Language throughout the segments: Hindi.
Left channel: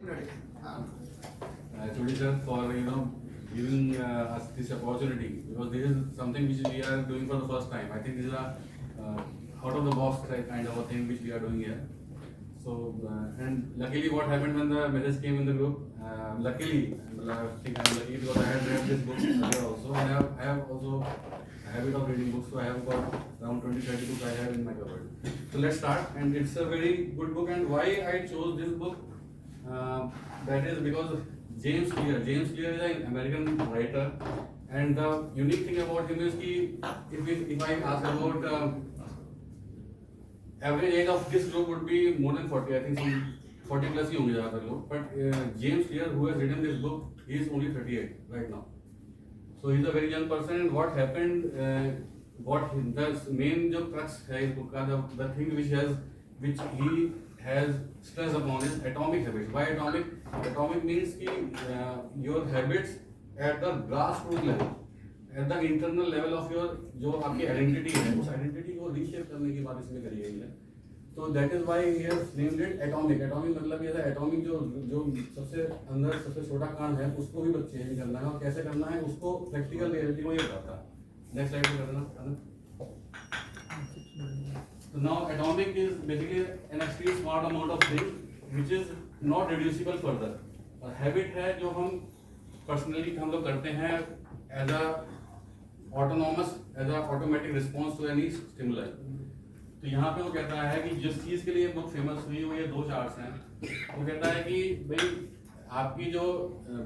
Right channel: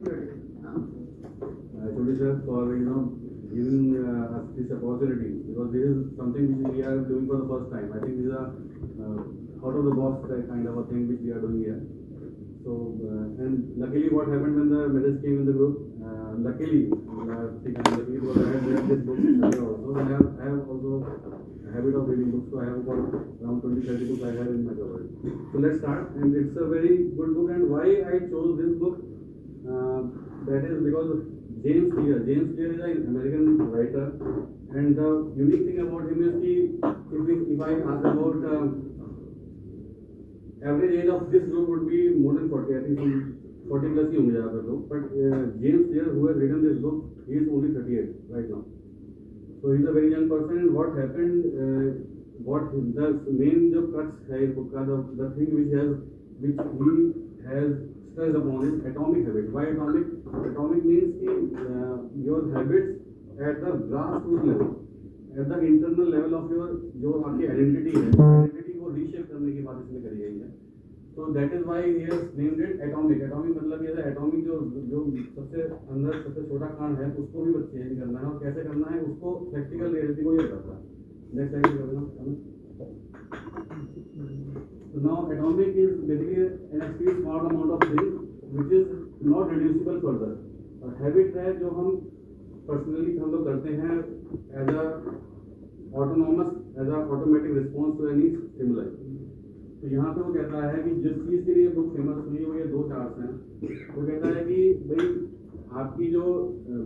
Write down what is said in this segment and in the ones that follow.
Todi sir, for giving us this opportunity, because this is something which we are doing for the first time. I think this is a out of the box kind of a thing which we are doing here. So and luckily, what happened when the message came in the group? Luckily, I think I'm lucky because I have read this book earlier also. I have also a habit of reading books, so I have got around 20-30 books I have in my cupboard. So let's start, and it's a very good book. And why I chose this book? That is because James Clear is an American writer, and the unique thing about him is कि if I ask about average age of this group would be more than 40. I think some 40 plus ही होंगे ज़्यादातर लोग. But James Clear, who has written this book, he is only 38 right now. So he's a very young person. And what happened? The main जो crux है इस book का, the thing which he has stressed upon is atomic habits. Why atomic? Atomic means कि your habits at the grassroots level, at the internal level of your जो आपकी identity है, उस identity को reshape करने की बात इसमें करी गई है. So that is why he has named it atomic. Atomic मतलब ये है atomic जो सबसे अंदर सबसे छोटा कांड है उसको भी चेंज करना है, और कैसे करना है उसको प्रैक्टिकल रियलिटी को ये बताता है. नेक्स्ट स्लाइड पे करना. So now atomic is basically an extreme small amount of thing which is not reducible further. Habit है जो हम personally हम लोग करते हैं as a automatic response to any stimuli. तो यहाँ पे वो कहता है कि जिस चीज़ के लिए बुक फेमस हुई वो ये दो चार्ट्स हैं. वो कहता है कि भाई आपकी जो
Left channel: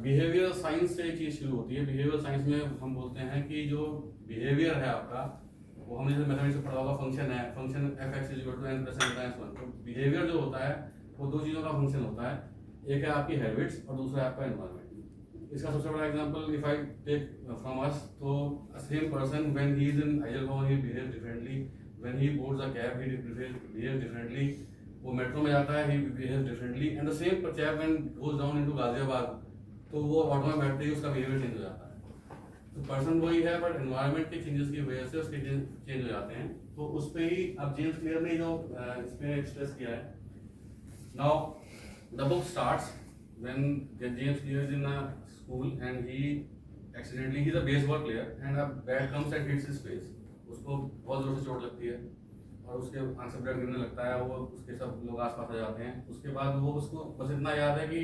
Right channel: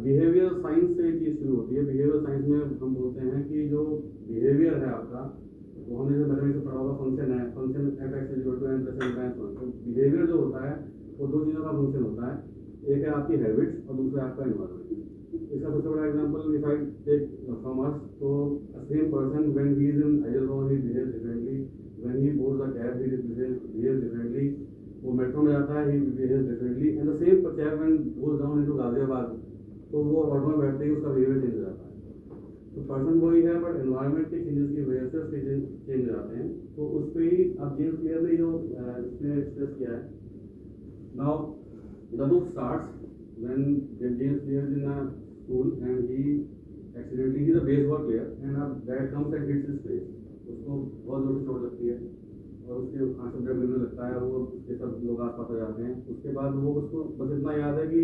बिहेवियर साइंस से चीज़ शुरू होती है. बिहेवियर साइंस में हम बोलते हैं कि जो बिहेवियर है आपका, वो हमने जैसे मैथमेटिक्स में पढ़ा होगा, फंक्शन है, फंक्शन f(x) = n + n + 1. तो बिहेवियर जो होता है वो दो चीज़ों का फंक्शन होता है. एक है आपकी हैबिट्स और दूसरा है आपका एनवायरनमेंट. इसका सबसे बड़ा example if I take from us, तो same person when he is in आइजलगांव he behave differently, when he boards a cab he behave differently, वो मेट्रो में जाता है he behave differently, and the same chap when goes down into Ghaziabad, तो वो ऑटो में बैठते ही उसका बिहेवियर चेंज हो जाता है. तो पर्सन वही है बट एनवायरनमेंट के चेंजेस की वजह से उसके चेंज हो जाते हैं. तो उस पे ही अब जेम्स क्लियर ने जो इस पे एक्सप्रेस किया है. Now the book starts when James clear is in a school and he accidentally, he is a baseball player and a bat comes and hits his face. उसको बहुत जोर से चोट लगती है और उसके आंख से ब्लड गिरने लगता है. वो उसके सब लोग आसपास आ जाते हैं. उसके बाद वो उसको बस इतना याद है कि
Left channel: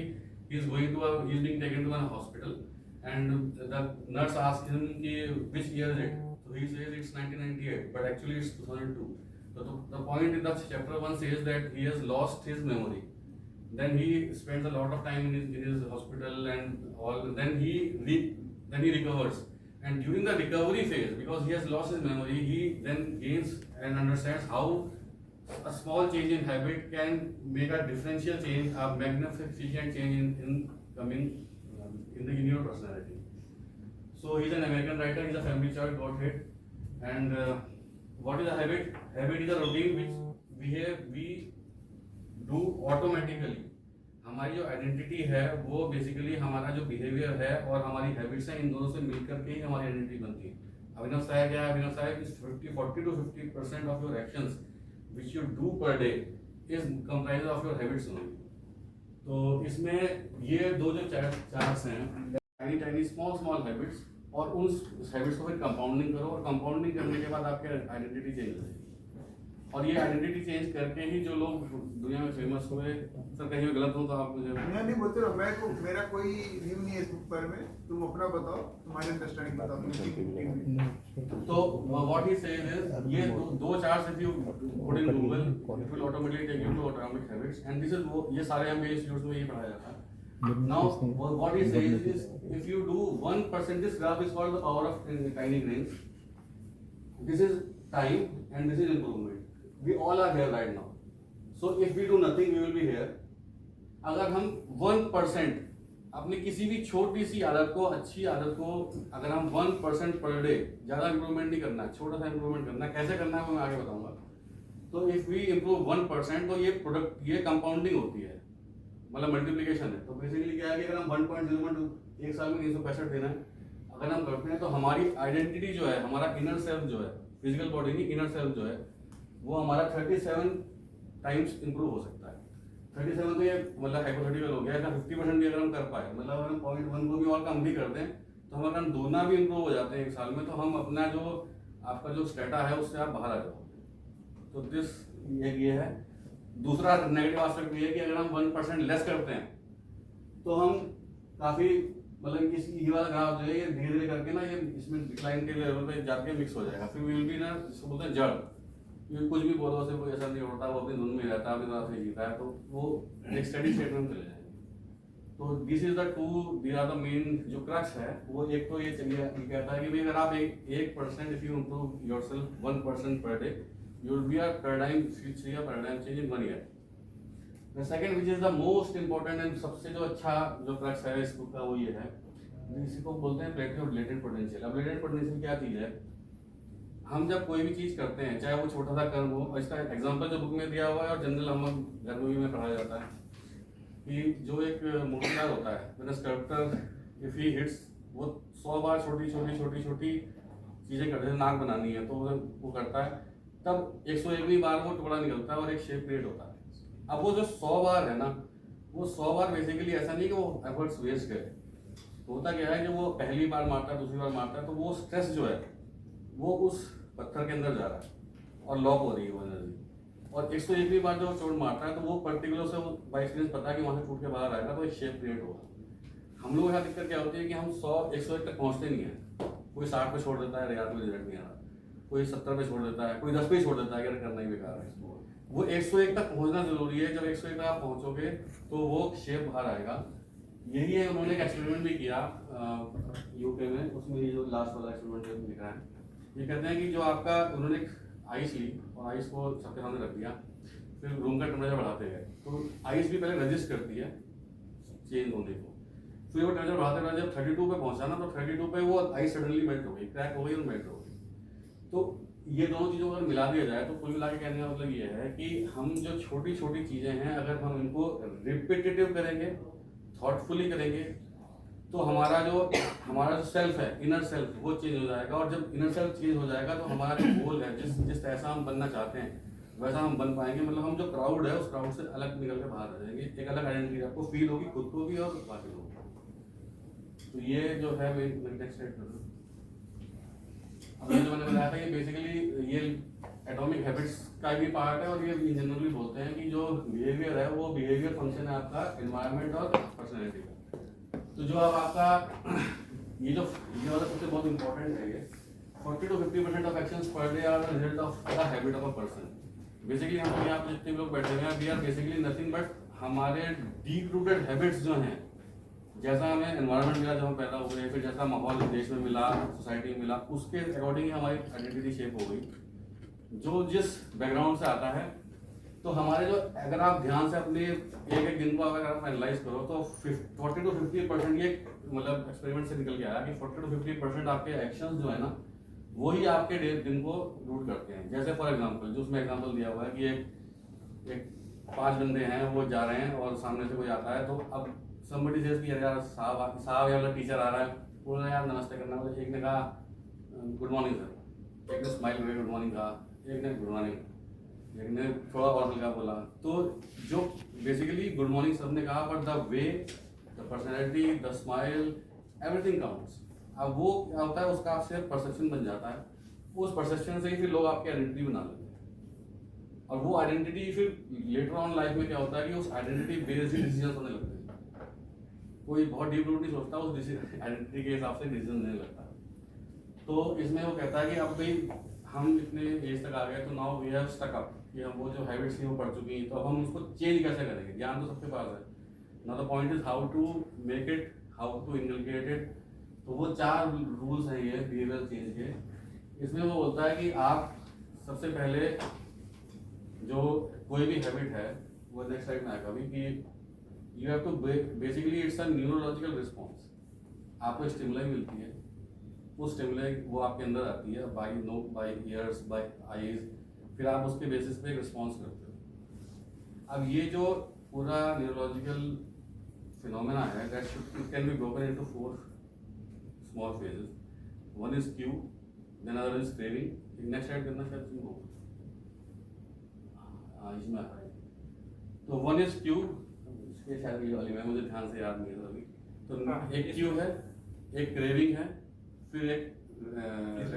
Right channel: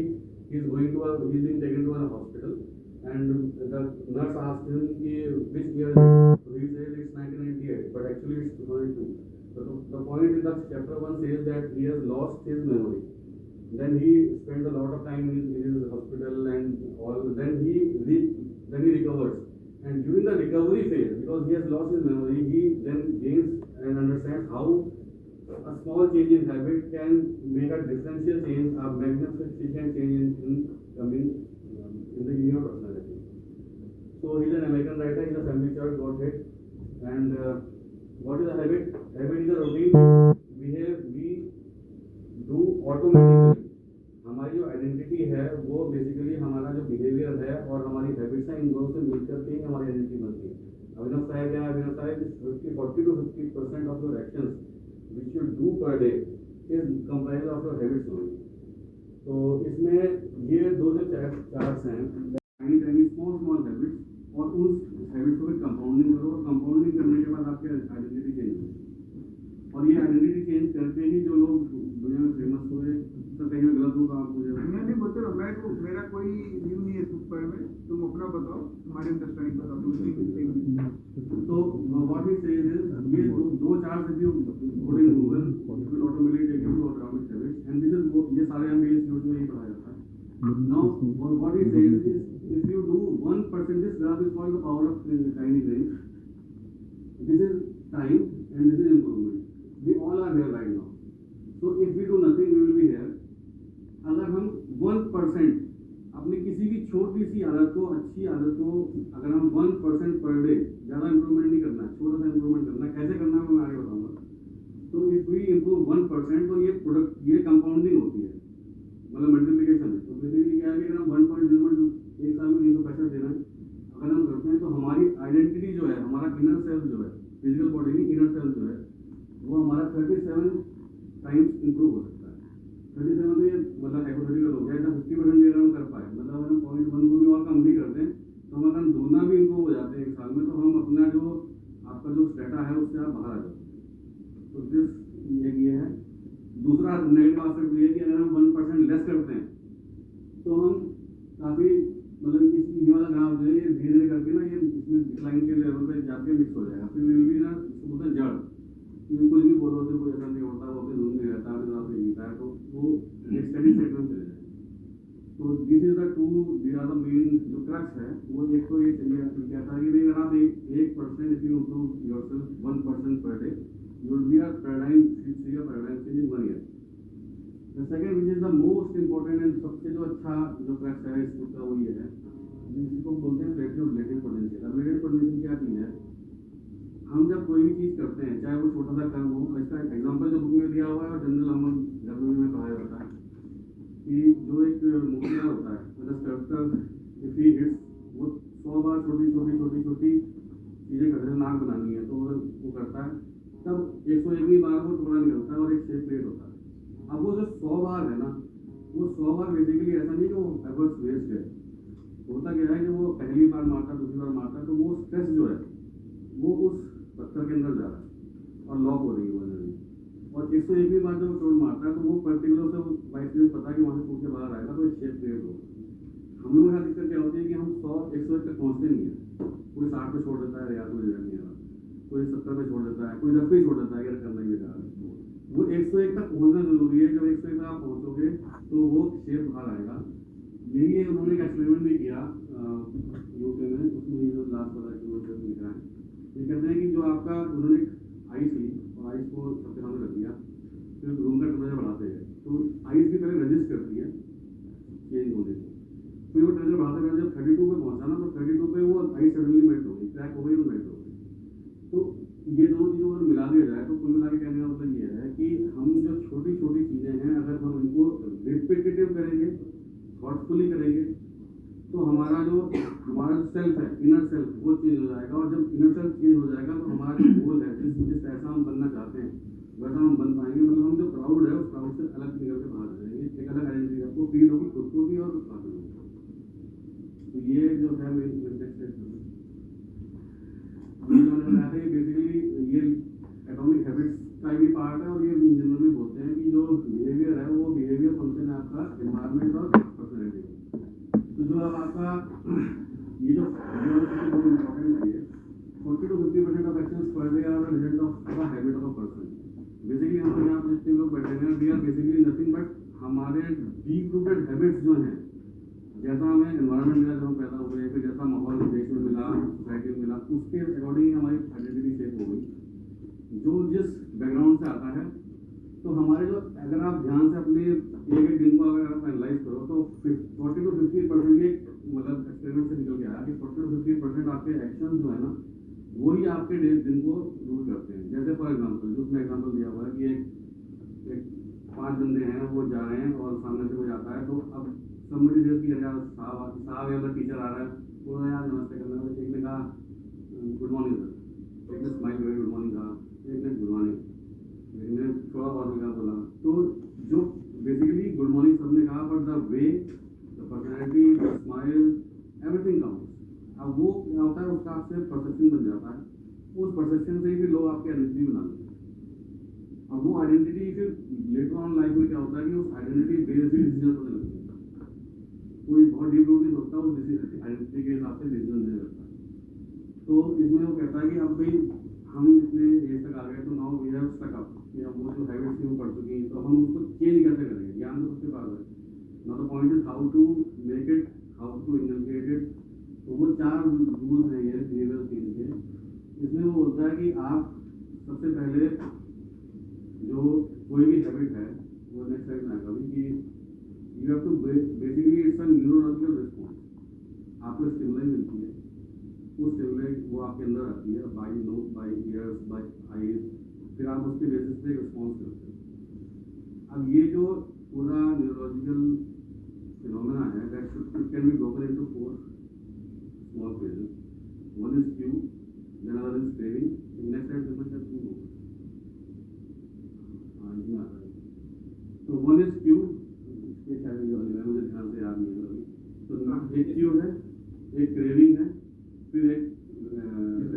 he is being taken to an hospital. And the nurse asked him which year is it. So he says it's 1998, but actually it's 2002. So the point in the chapter 1 says that he has lost his memory. Then he spends a lot of time in his hospital and all. Then he recovers. And during the recovery phase, because he has lost his memory, he then gains and understands how a small change in habit can make a differential change, a magnificent change in coming in your personality. So he's an American writer. He's a family child, got hit. And what is a habit? Habit is a routine which we do automatically. हमारी जो आइडेंटिटी है वो बेसिकली हमारा जो बिहेवियर है और हमारी हैबिट्स हैं, इन दोनों से मिलकर के ही हमारी आइडेंटिटी बनती है. अभिनव साहब क्या है? अभिनव साहब is 40 to 50% of your actions which you do per day is comprise of your habits only. तो इसमें ये दो जो चार्ट्स हैं, टाइनी स्मॉल हैबिट्स, और उन हैबिट्स को फिर कंपाउंडिंग करो, और कंपाउंडिंग करने के बाद आपकी आइडेंटिटी चेंज हो जाएगी. और ये आइडेंटिटी चेंज करके ही जो लोग दुनिया में फेमस हुए. सर कहीं मैं गलत हूँ तो आप मुझे नहीं बोलते रहो. मैं तो मेरा कोई व्यू नहीं है इस बुक पर में. तुम अपना बताओ, तुम्हारी अंडरस्टैंडिंग बताओ. तो व्हाट ही सेज इज ये दो charts if you put in Google it will automatically take you to atomic habits. And this is ये सारे हम इंस्टीट्यूट्स में ये पढ़ाया जाता है. Now what he says is if you do 1%, this graph is called the power of tiny grains. This is time and this is improvement. We all are here right now. So if we do nothing, we will be here. अगर हम 1% अपनी किसी भी छोटी सी आदत को, अच्छी आदत को, अगर हम 1% पर डे, ज़्यादा इंप्रूवमेंट नहीं करना, छोटा सा इंप्रूवमेंट करना, कैसे करना है वो मैं आगे बताऊंगा. तो इफ वी इम्प्रूव 1%, तो ये कंपाउंडिंग होती है, मतलब मल्टीप्लिकेशन है. तो बेसिकली क्या है कि अगर हम 1.01 एक साल में 365 देना है अगर हम करते हैं, तो हमारी आइडेंटिटी जो है, हमारा इनर सेल्फ जो है, फिजिकल बॉडी नहीं, इनर सेल्फ जो है, वो हमारा 37 टाइम्स इंप्रूव हो सकता है. 37 तो ये मतलब हाइपोथेटिकल हो गया, अगर 50% भी अगर हम कर पाए, मतलब हम 0.1 को भी और कम भी कर दें, तो हम अगर दोगुना भी इम्प्रूव हो जाते हैं एक साल में, तो हम अपना जो आपका जो स्टेटा है उससे आप बाहर आ जाओ। तो दिस ये है। दूसरा नेगेटिव एस्पेक्ट ये है कि अगर हम 1% लेस करते हैं तो हम काफ़ी मतलब इस ये वाला ग्राफ जो है ये धीरे धीरे करके ना ये इसमें डिक्लाइन के लेवल पे जाके मिक्स हो जाएगा। फिर विल बी ना जिसको बोलते हैं जड़, क्योंकि कुछ भी पौधों से कोई ऐसा नहीं होता, वो अपनी धुन में रहता है, अपनी तरह से जीता है, तो वो एक स्टेडी स्टेट में चले जाएंगे। तो this is the two these are the main जो क्रक्स है वो। एक तो ये चलिए कहता है कि भाई अगर आप 1% if you improve yourself 1% per day, you will be a paradigm switch या paradigm change in 1 year. The second which is the most important and सबसे जो अच्छा जो क्रक्स है इस बुक का वो ये है, इसी को बोलते हैं प्लेटलेट लेटेंट पोटेंशियल। अब लेटेंट पोटेंशियल क्या चीज़ है? हम जब कोई भी चीज़ करते हैं, चाहे वो छोटा सा कर्म हो, इसका एग्जांपल जो बुक में दिया हुआ है और जनरल हम घर में पढ़ाया जाता है कि जो एक मूर्तिकार होता है, मैंने स्कल्पटर इफ ही हिट्स, वो 100 बार छोटी चीज़ें करते हैं, नाक बनानी है तो वो करता है, तब 101वीं बार वो टुकड़ा निकलता है और एक शेप क्रिएट होता है। अब वो जो 100 बार है ना, वो 100 बार बेसिकली ऐसा नहीं कि वो एफर्ट्स वेस्ट करे। होता क्या है कि वो पहली बार मारता है, दूसरी बार मारता है, तो वो स्ट्रेस जो है वो उस पत्थर के अंदर जा रहा है और लॉक हो रही है वो एनर्जी। और 101वीं बार जब वो चोट मारता है तो वो पर्टिकुलर से वो बाई एक्सपीरियंस पता है कि वहाँ से टूट के बाहर आएगा तो एक शेप क्रिएट होगा। हम लोग यहाँ दिक्कत क्या होती है कि हम 101 तक पहुँचते नहीं है। कोई 60 पे छोड़ देता है, यार कोई रिजल्ट नहीं आ रहा, कोई 70 पे छोड़ देता है, कोई 10 पे छोड़ देता है, अगर करना ही बेकार है। वो 101 तक पहुंचना जरूरी है। जब 101 तक आप पहुंचोगे तो वो शेप बाहर आएगा। यही है, उन्होंने एक एक्सपेरिमेंट भी किया यूके में, उसमें ये जो लास्ट वाला एक्सपेरिमेंट दिख रहा है, ये कहते हैं कि जो आपका उन्होंने आइस ली और आइस को सबके सामने रख दिया, फिर रूम का टेम्परेचर बढ़ाते गए, तो आइस भी पहले रजिस्ट करती है चेंज होने को, फिर वो टेम्परेचर बढ़ाते गए, जब 32 पे पहुंचा ना तो 32 पे वो आइस सडनली मेल्ट हो गई, क्रैक हो गई और मेल्ट हो गई। तो ये दोनों चीज़ों को अगर मिला दिया जाए तो कुल मिला के कहने का मतलब ये है कि हम जो छोटी छोटी चीज़ें हैं अगर हम इनको रिपीटेटिव करेंगे, थॉटफुली करेंगे, तो हमारा जो सेल्फ है, इनर सेल्फ, वो चेंज हो जाएगा। और जब इनर सेल्फ चेंज हो जाएगा तो हमारा जो गोल है, जिस ऐसा हम बनना चाहते हैं वैसा हम बन पाएंगे। मतलब हम जो क्राउड है उस क्राउड से अलग निकल के बाहर आ जाएंगे, एक अलग आइडेंटिटी आपको फील होगी, खुद को भी और बाकी लोगों को। तो ये जो है मेन कंटेक्स्ट है। अभी जो मैंने बताया था कि बेसिकली ये एटॉमिक हैबिट्स का भी पार्ट है, और ये जनरली बोलते हैं कि जो बिहेवियर है वो बिहेवियर फंक्शन है आपका एनवायरनमेंट और पर्सनैलिटी का। तो जो अब आपका ये जो सबसे बहुत इंपॉर्टेंट है, ये 40 to 50% of actions per day are the result of the habit of a person. Basically हम यहाँ पे जितने लोग बैठे हैं, we are basically nothing but हमारे डीप रूटेड हैबिट्स जो हैं, जैसा हमें एनवायरनमेंट मिला जब हम पैदा हुए, फिर जैसा माहौल देश में मिला, सोसाइटी में मिला, उसके अकॉर्डिंग ही हमारी आइडेंटिटी शेप हो गई। जो जिस बैकग्राउंड से आता है, तो हमारे जो, अगर आप ध्यान से अपने एक दिन को अगर आप एनालाइज करो तो 40 to 50% ये मतलब एक्सपेरिमेंट से निकल के आया कि 40 to 50% आपके एक्शंस जो है ना, वही आपके दिन को रूट करते हैं। जैसे फॉर एग्जाम्पल, जो उसमें एग्जाम्पल दिया हुआ है कि एक 5 बंदे हैं, वो जा रहे हैं और सामने से कोई आता है, तो अब somebody says कि यार साहब या टीचर आ रहा है, बोल रहे यार नमस्ते करना, मतलब एक ने कहा गुड मॉर्निंग सर, एक ने स्माइल करके गुड मॉर्निंग कहा, एक ने गुड मॉर्निंग, एक ने थोड़ा और हल्का बोला। तो जो बेसिकली गुड मॉर्निंग सबने कहा, but the way, the personality, the smile, everything counts. अब वो क्या होता है, उसका आपसे परसेप्शन बन जाता है, उस परसेप्शन से ही फिर लोग आपकी आइडेंटिटी बना लेते हैं, और वो आइडेंटिटी फिर लेटर ऑन लाइफ में क्या होता है कि उस आइडेंटिटी बेस्ड ही डिसीजन होने लगते हैं। कोई बहुत डीप रूट नहीं सोचता, उस आइडेंटिटी के हिसाब से डिसीजन नहीं लगता। तो इसमें वो कहता है कि अब भाई हम इतने एज तक आ गए, तो now we have stuck up, कि हम वो जो हैबिट्स थी वो पढ़ चुकी, तो अब हम उसको चेंज कैसे करेंगे। ज्ञान तो सबके पास है ना, the point is how to make it, how to inculcate it. तो वो 4 रूल्स हैं ये बिहेवियर चेंज के। इसमें वो बोलता है कि आप सबसे पहले जो कोई भी हैबिट है, वो नेक्स्ट स्लाइड में आएगा भी, कि you have to basically it's a neurological response. आपको स्टिमुलाई मिलती है, उस स्टिमुलाई वो आपके अंदर आती है बाय ईयर्स, बाय आईज, फिर आप उसके बेसिस पे रिस्पॉन्स करते हो। अब ये जो पूरा न्यूरोलॉजिकल फिनोमेना है, that it can be broken into 4 small phases. One is cue, then other is craving. Next add करना शायद तुम हो, इसमें आ रहा है। तो वन इज क्यू, इसके शायद ये वाली में मुझे ध्यान से याद नहीं है अभी। तो एक क्यू है, एक क्रेविंग है, फिर एक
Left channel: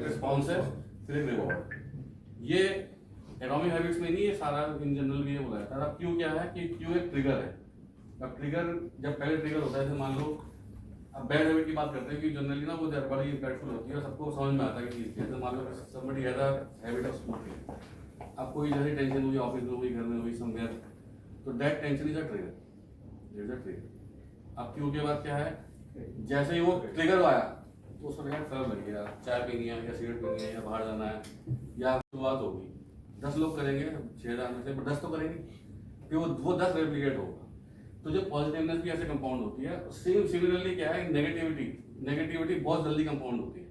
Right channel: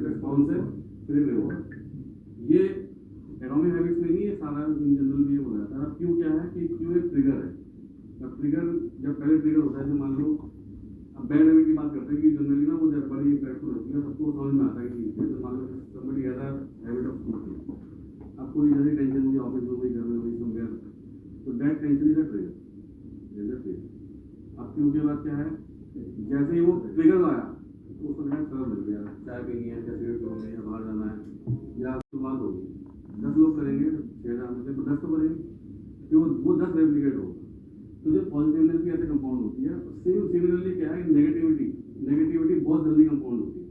रिस्पॉन्स है, फिर एक रिवॉर्ड। ये एटॉमिक हैबिट्स में नहीं, ये सारा इन जनरल भी ये बोला जाता है। अब क्यू क्या है कि क्यू एक ट्रिगर है। अब ट्रिगर जब पहले ट्रिगर होता है, जैसे मान लो अब बैड हैबिट की बात करते हैं कि जनरली ना वो बड़ी इम्पैक्टफुल होती है, सबको समझ में आता है कि जैसे मान लो somebody has a habit of smoking. अब कोई जैसे टेंशन हुई ऑफिस में हुई, घर में हुई, समवेयर, तो that tension is a trigger. अब क्यू के बाद क्या है, जैसे ही वो ट्रिगर आया तो उसको डायरेक्ट फर्क लग गया, चाय पीनी है या सिगरेट पीनी है या बाहर जाना है या शुरुआत होगी। 10 लोग करेंगे 6000 में से, 10 तो करेंगे, फिर वो 10 रेप्लिकेट होगा। तो जो पॉजिटिवनेस भी ऐसे कंपाउंड होती है। सेम सिमिलरली क्या है, नेगेटिविटी बहुत जल्दी कंपाउंड होती है।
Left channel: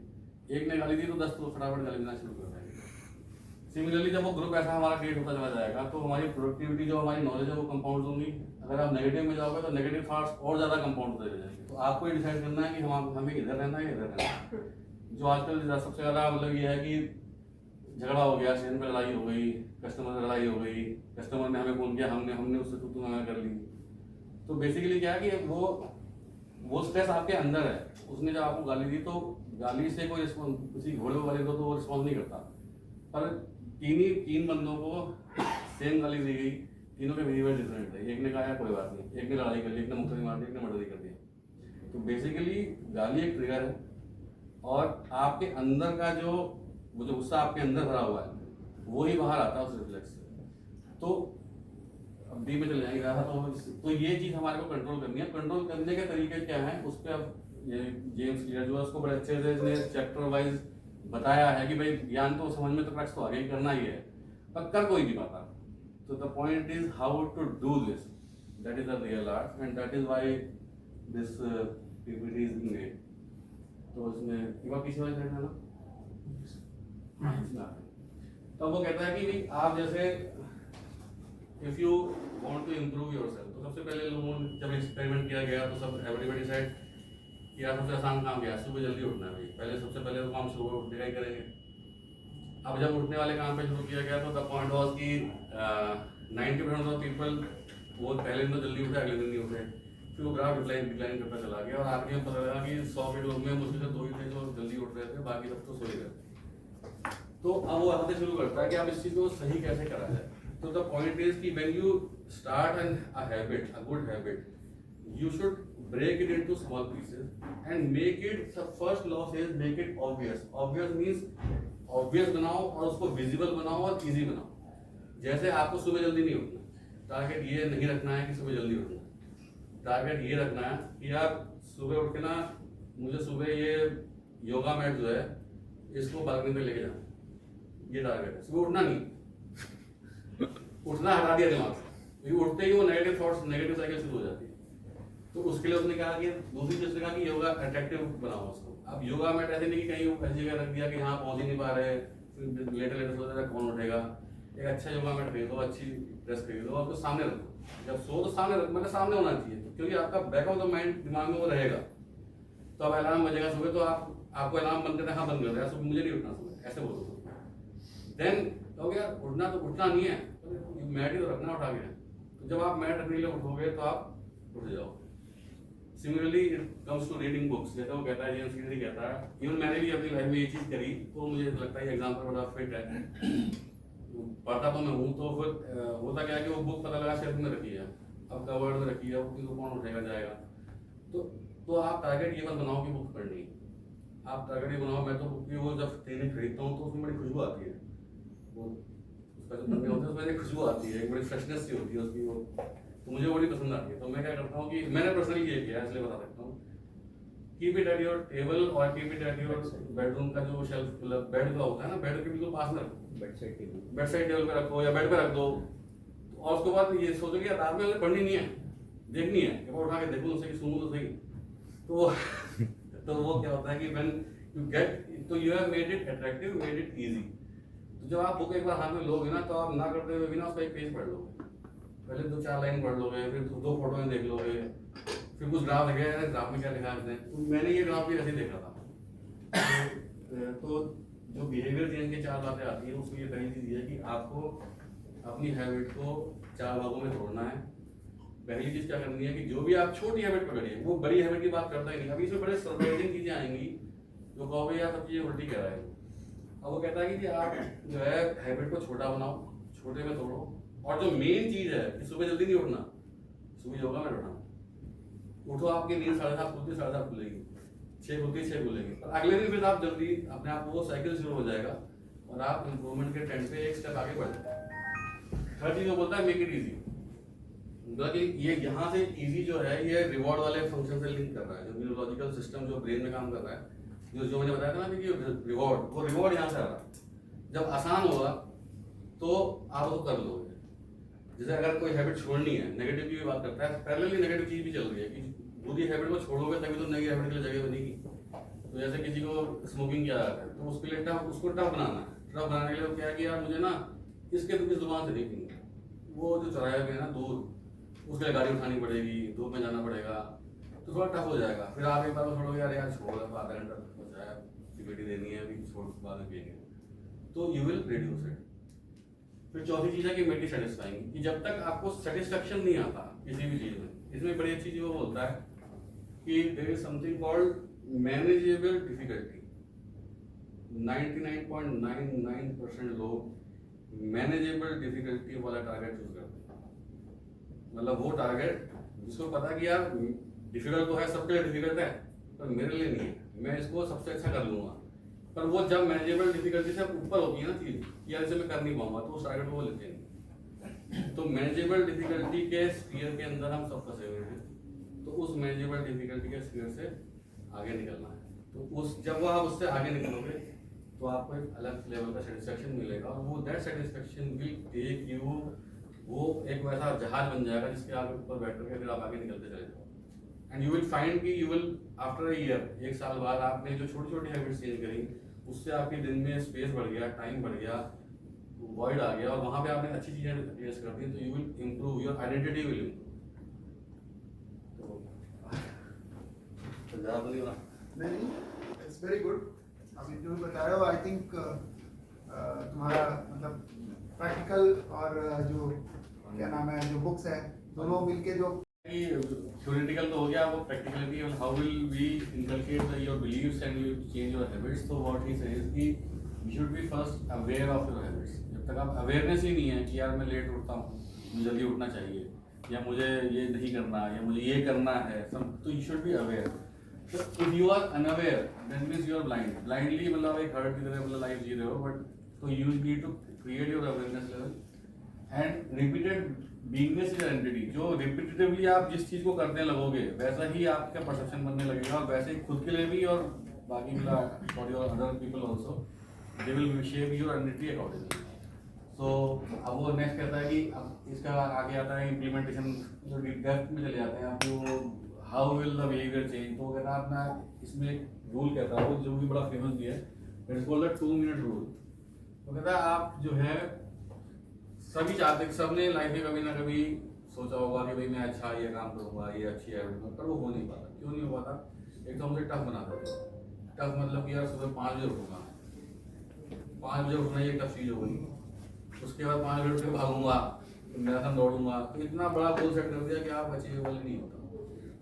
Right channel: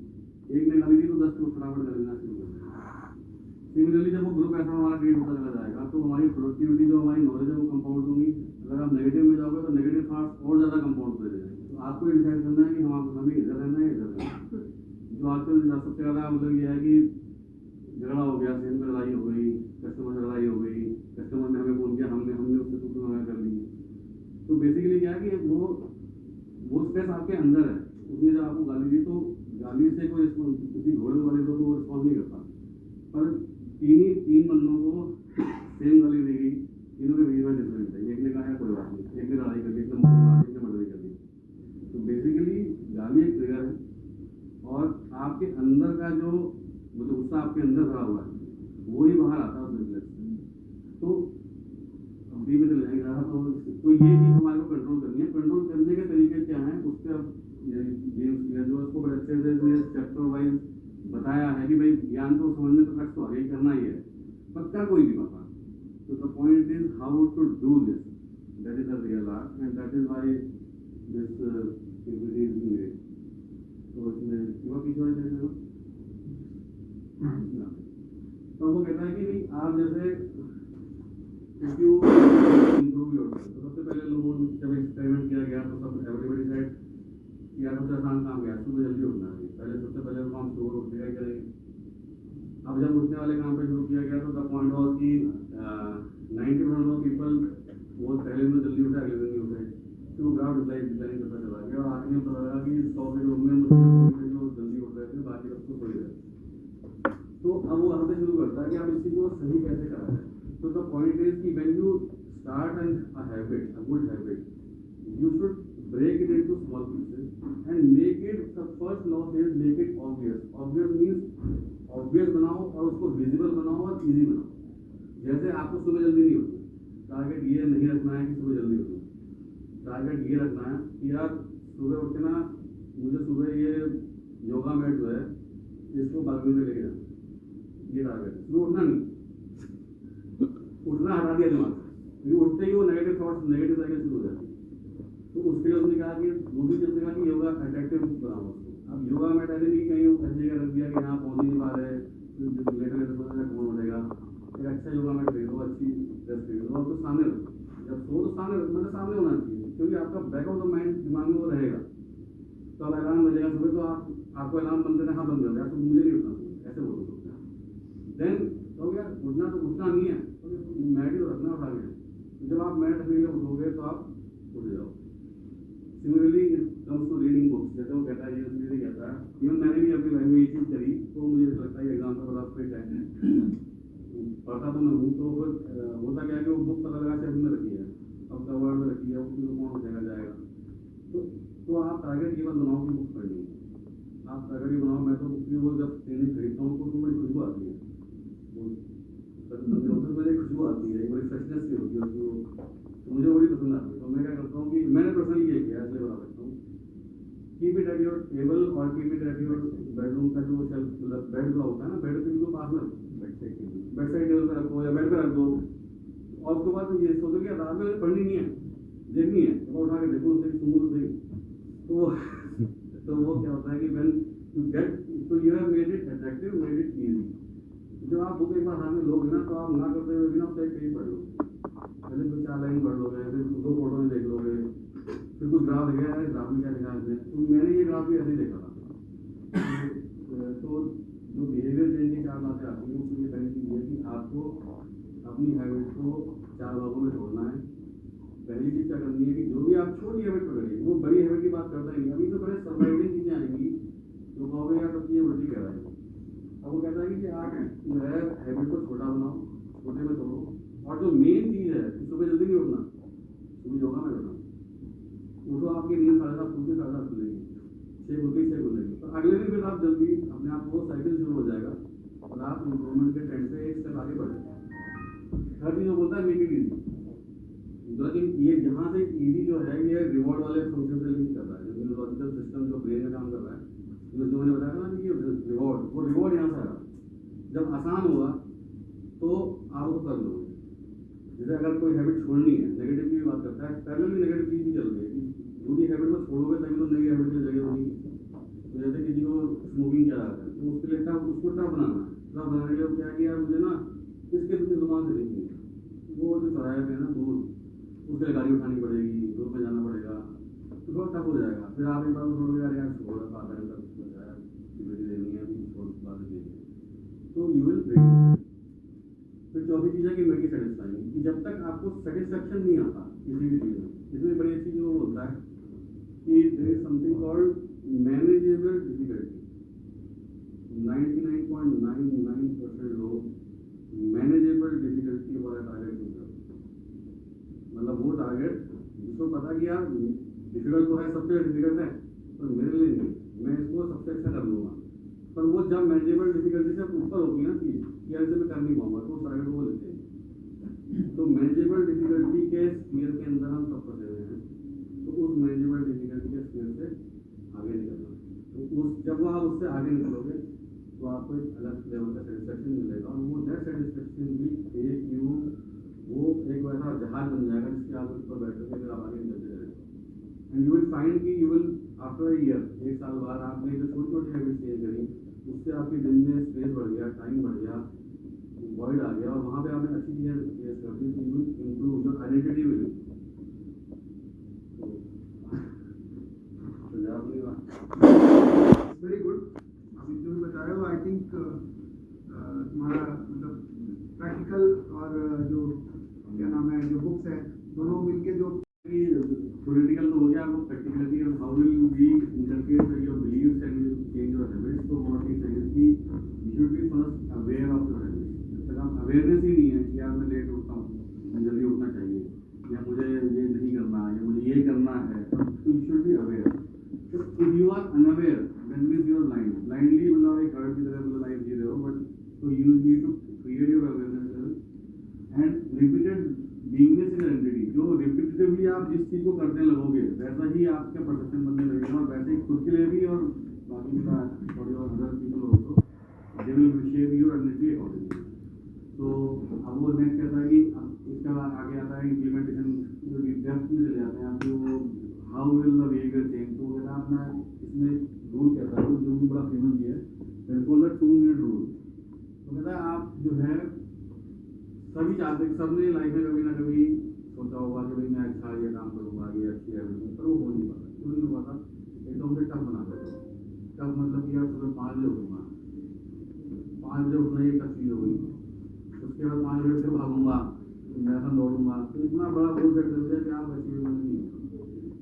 एक ने गाली दी तो 10 तो फटाफट गाली देना शुरू कर देंगे। सिमिलरली जब वो ग्रुप ऐसा हमारा क्रिएट होता चला जाएगा तो हमारी प्रोडक्टिविटी, जो हमारी नॉलेज है वो कंपाउंड होंगी। अगर आप नेगेटिव में जाओगे तो नेगेटिव थॉट्स और ज़्यादा कंपाउंड होते जाएंगे। तो आपको ये डिसाइड करना है कि हमें इधर रहना है या इधर रहना है। जो आजकल सबसे ज़्यादा मतलब ये है कि झगड़ा हो गया, सेन में लड़ाई हो गई, कस्टमर से लड़ाई हो गई, कस्टमर ने हमें फोन किया, हमने उससे तू मना कर ली। तो बेसिकली क्या है कि वो स्ट्रेस आपके अंदर है। उसने जब आपको गाली दी तो गाली से कोई किसी घोड़े वाले को तो वो रिस्पॉन्स नहीं करता, पर तीन बंदों को सेम गाली दी गई, तीनों के बिहेवियर डिफरेंट थे। एक ने कहा कोई बात नहीं, एक ने लड़ाई कर ली, एक ने मुक्के मार दी, एक ने मर्डर कर दिया। तो बेसिकली गाली एक ट्रिगर है और आपके अंदर का जो गुस्सा आपके अंदर भरा हुआ है वो ही बाहर आता है उस रिफ्लेक्स से। तो अब बी में चले जाएंगे रहा तो ये चीज़ हमारे को कंट्रोल करनी है। कंट्रोल करने के तरीके क्या हैं उस पर अब जेम्स क्लियर जो है उसको बड़े अच्छे से इसने चैप्टर वाइज बताया है कि भाई ज्ञान तो समझ में तो प्रैक्टिस तो आगे ही करना ही है, पर कर कोई नहीं पाता। तो the point is how to do this, that is the real art and that is why this PPT is being made. तो इसमें एक बार पीछे वाले साइड में ना, तो वो कहता है कि भाई आप जैसे इफ यू इम्प्रूव योरसेल्फ, तो सबसे पहले लोगों ने जब एक्सपेरिमेंट किया गया तो सब एवरीबॉडी सेड कि यार सबसे आसान काम क्या है, सुबह जल्दी उठना है। भाई सबसे पहले तो काम सुबह उठने का ही करेंगे। अब जब उठने वाले काम पे शुरू किया गया तो द पॉइंट वाज कि 90% ऑफ पीपल वो पहले दिन तो जल्दी उठे, अगले दिन नहीं उठे। फिर वो ग्राफ डिक्लाइन करता चला गया और आगे पता लगा कि 100 के लोग में मुझसे 2 ही थे जो जल्दी उठ रहे थे, बाकी सब तो सोए गए। तो अब वो यहाँ से शुरू करता है कि आप इस चीज़ को सही कैसे करा जाए। तो द पॉइंट इज कि when you start a habit, a good habit, you should break it into small pieces and make it, the first law says make it obvious means obvious बनाओ और उसको visible बनाओ और easy बनाओ। जैसे आपको सुबह जल्दी नहीं उठना, टारगेट ये नहीं रखना है कि सुबह जल्दी उठना, टारगेट ये रखना है कि यार सुबह उठ के ना मुझे सुबह ये योगा मैट जो है इसको बालकनी में लेके जाना, ये टारगेट है। सुबह उठना नहीं, उठना हटा दिया दिमाग से, उठते ही वो नेगेटिव थॉट्स, नेगेटिव साइकिल शुरू हो जाती है। तो उसके लिए उसने कहा कि दूसरी चीज कहा कि योगा अट्रैक्टिव बनाओ उसको। अब योगा मैट ऐसे नहीं कि कहीं ऐसी जगह रख दिया कि यहाँ पहुंच ही नहीं पा रहे, फिर लेटे सोच रहे कौन उठेगा। एक अच्छा योगा मैट खरीदो, अच्छी ड्रेस खरीदो, आपको सामने रखो, जब सो तो सामने रखो, मतलब सामने होना चाहिए, क्योंकि आपका बैक ऑफ द माइंड दिमाग में वो रहेगा। तो अब अलार्म बजेगा सुबह तो आपको अलार्म बंद करना, हाँ बंद कर दिया, मुझे नहीं उठना सुबह, ऐसे बोलो। देन कहोगे यार उठना तो उठना नहीं है, मैट ही तो रखना उठा के। तो जब आप मैट रखने के लिए उठोगे तो आप उठ जाओ। Similarly it comes to reading books, जैसे वो कहता है, जेम्स क्लियर कहता है, इवन मैंने भी अपनी लाइफ में ये चीज़ करी, तो मुझे लगता है ये एग्जाम्पल बड़ा फिट है। पढ़ता तो मैं हूँ, तो फिर होता क्या है कि वो बुक पता लगा शेल्फ में रखी है, अब कवर्ड में रखी है, वो कौन उठेगा जाएगा। तो आप टारगेट ये मत बनाओ कि बुक पढ़नी है, आप टारगेट ये बनाओ, मैं तो बुक की वो जब ट्रेनिंग खरीदता हूँ तो उसमें बड़ी खुशबू आती है, वो उसका जो पन्ने होते हैं उसमें खुशबू आती है, एक बड़ी फ्रेशनेस सी होती है उसकी, वो तो मुझे बड़ी पसंद आती है। तो मैं क्या करता हूँ कि मैंने पर्सनली ये किया है, इसलिए बता सकता हूँ, keep it at your table और keep it at your bedroom का जो शेल्फ, मतलब बेड का होता है ना, बेड के बिल्कुल पास में रखो, बेड साइड टेबल पे रखो या बेड पे रख दो। और उसके बाद ये सोचो कि रात में पढ़नी नहीं है, देखनी है, वो उठा के देखो उससे कि सुनूं तो सही। तो वो क्या होता है कि व्हेन यू गेट, तो you have made it attractive, made it easy. तो जब आप बुक एक बार हाथ में लोगे ना, तो आप ना करते हुए भी ना उसका एक पेज पढ़ लोगे, पहले 2-4 लाइन पढ़ लोगे, फिर 2 फोटो में देख लोगे, फिर कुछ ग्राफ लिखा है, ग्राफ में क्या लिखा है उसने। तो मैंने ये ग्राफ भी ऐसे देखा था। तो जो बिहेवियर चेंज की 4 बातें आती हैं उसमें ये पहली चीज़ ये है कि आपको अपनी हैबिट को 4 भागों में तोड़ना है। पहली चीज क्या करनी है कि जो भी आप छोटी हैबिट पकड़िए, वो बड़ी हैबिट की बात करता ही नहीं। अभी इसमें बड़े सरप्राइजिंग चीजें आएंगी जो कहोगे यार सब चीजें उल्टी कह रहा है। अब वो कहता है कि आप जो है हैबिट को छोटा बनाओ, छोटे में तोड़ो, और जो मेन चीज है कि सुबह जल्दी नहीं उठना, सुबह योगा में उठना। उठो, आपकी नींद 7:30 खुलती, 7:30 खुलेगी, 6 खुलती 6 खुलेगी, पर अगले दिन फिर आप जल्दी अपने आप वो साइकिल शुरू हो जाएगा और आप इम्प्रूवमेंट के ट्रेंड पे एक स्टेप आगे बढ़ जाएंगे। थर्ड चीज वो बोलता है मेक इट इजी। मतलब कि ये यहाँ से इजी जो है ये रिवॉर्ड वाले फंक्शन से लिंक कर रहा है, जो न्यूरोलॉजिकल सिस्टम जो ब्रेन में काम कर रहा है, जो मैंने बताया था ना कि रिवॉर्ड, वो रिवॉर्ड यहाँ से आ रहा है। जब आसान होगा तो आप उसको कर लोगे। जैसे अगर कोई हैबिट छोड़नी है, नेगेटिव की भी बात करता है, पैरेलली नेगेटिव चीज भी चल रही है कि बुरी हैबिट को छोड़ोगे तभी तो नई हैबिट के लिए जगह बनेगी। तो जैसे किसी को स्मोकिंग किया जाता है तो उसके लिए उसको टफ बनाना है। टफ बनाने के लिए क्या किया, मुझे ना इसके तो किस जुबान से नहीं पीनी, वो जो चौराहे पे है ना दूर, उसके लिए गाड़ी उठानी पड़ेगी, धूप में जाना पड़ेगा, तो थोड़ा टफ हो जाएगा। फिर आप एक बार में छोड़ोगे, यार छोड़, आधा घंटा बचा है, सिगरेट देनी है, अभी छोड़, बाद में पिएंगे, तो यू विल रिड्यूस इट। फिर चौथी चीज है कि मेक इट सेटिस्फाइंग, कि जब तक आपको सेटिस्फेक्शन नहीं आता किसी भी चीज में, इसमें बड़ी अच्छी चीज वो बोलता है कि there is something called manageable difficulty. 99.99% लोग मैनेजेबल डिफिकल्टी वाला टारगेट चूज करते हैं। मतलब वो टारगेट जिसको पता कि यार डिफिकल्ट तो है, सबके लिए डिफिकल्ट है, पर मेरे लिए नहीं है, मैं इसको सबसे अच्छा कर लूंगा। पर वो जब मैनेजेबल डिफिकल्टी से ऊपर होती है ना चीज, यार इसे मैं कर नहीं पाऊंगा, तो उस टारगेट को वो लेते हैं। तो मैनेजेबल डिफिकल्टी के स्फीयर के अंदर हम सब फंसे हुए हैं, तो उस मैनेजेबल डिफिकल्टी के स्फीयर से आगे निकलना है। तो उस जब वो आप उससे आगे निकलोगे तो आपको एक अलग लेवल का सेटिस्फेक्शन मिलेगा, और वो that satisfaction will take you, वो एक वैसा जहाज बन जाएगा जिसके आप ऊपर बैठ करके फिर आप आगे निकलते चले जाओ। एंड यू विल फाइंड कि you will after a year, एक साल बाद आपने जो छोटी छोटी हैबिट्स चेंज करी, उससे आपके दिन में स्पेस बढ़ गया, टाइम बढ़ गया, वॉइड आ गया, और वहाँ पे आपने अच्छी चीजें टेस्ट कर दी, तो you will improve, your identity will improve. It's very good. अभी जो भी बता रहे हो, आई थिंक तुम्हारा मतलब प्रैक्टिकल और जो क्या नाम है, जो बुक्स है, दोनों मिलके जो थ्योरेटिकल तो हो गया, वो practicality, how will we inculcate your beliefs and you change your habits. तो व्हाट ही सेज कि you should be first aware of your habits. जब तक आप अवेयरनेस ही नहीं है कि यार मैं लेट उठता हूँ, मुझे जल्दी उठना चाहिए, या मुझे ये नहीं करना, या मुझे ये करना है सब, तो you should be aware. If you are unaware that means you are blind, blindly मतलब एक हर्ट की तरह मतलब लाइफ जी रहे हो, बट तो you need to create your awareness level and repeated beingness is entity. जो रिपीटेटिवली आप जिस चीज को करने लगोगे वैसा ही आपका परसेप्शन बनने लगेगा, और वैसे ही खुद के लिए भी और बाकी for your other people also, they will shape your entity accordingly. So अब वो नेक्स्ट कहता है कि अब इसका आगे आता है इम्प्लीमेंटेशन, जो डेप्थ में चले जाते हैं आप, वो how will the behaviour change. तो कहता है अपना इसमें रूल कहता है, जो भी बड़ा फेमस भी है, it is called the 2 minute rule. तो कहता है आप जो है सभी चाहते, सबने लाइफ में कभी ना कभी सोचा होगा कि भाई मैं अच्छा ये काम करूंगा, ये अच्छी है, पर वो हो नहीं पाता। क्यों नहीं हो पाता? एक तो हमसे टफ बना देते हैं। टफ मतलब कि यार सुबह 5 बजे उठूंगा, 5 बजे उठना ये टफ चीज हो गई। उसके बाद 5 बजे उठ के भागूंगा, मैराथन दौड़ूंगा, तो इतना बड़ा गोल सेट कर दिया कि आप अचीवेबल नहीं होता।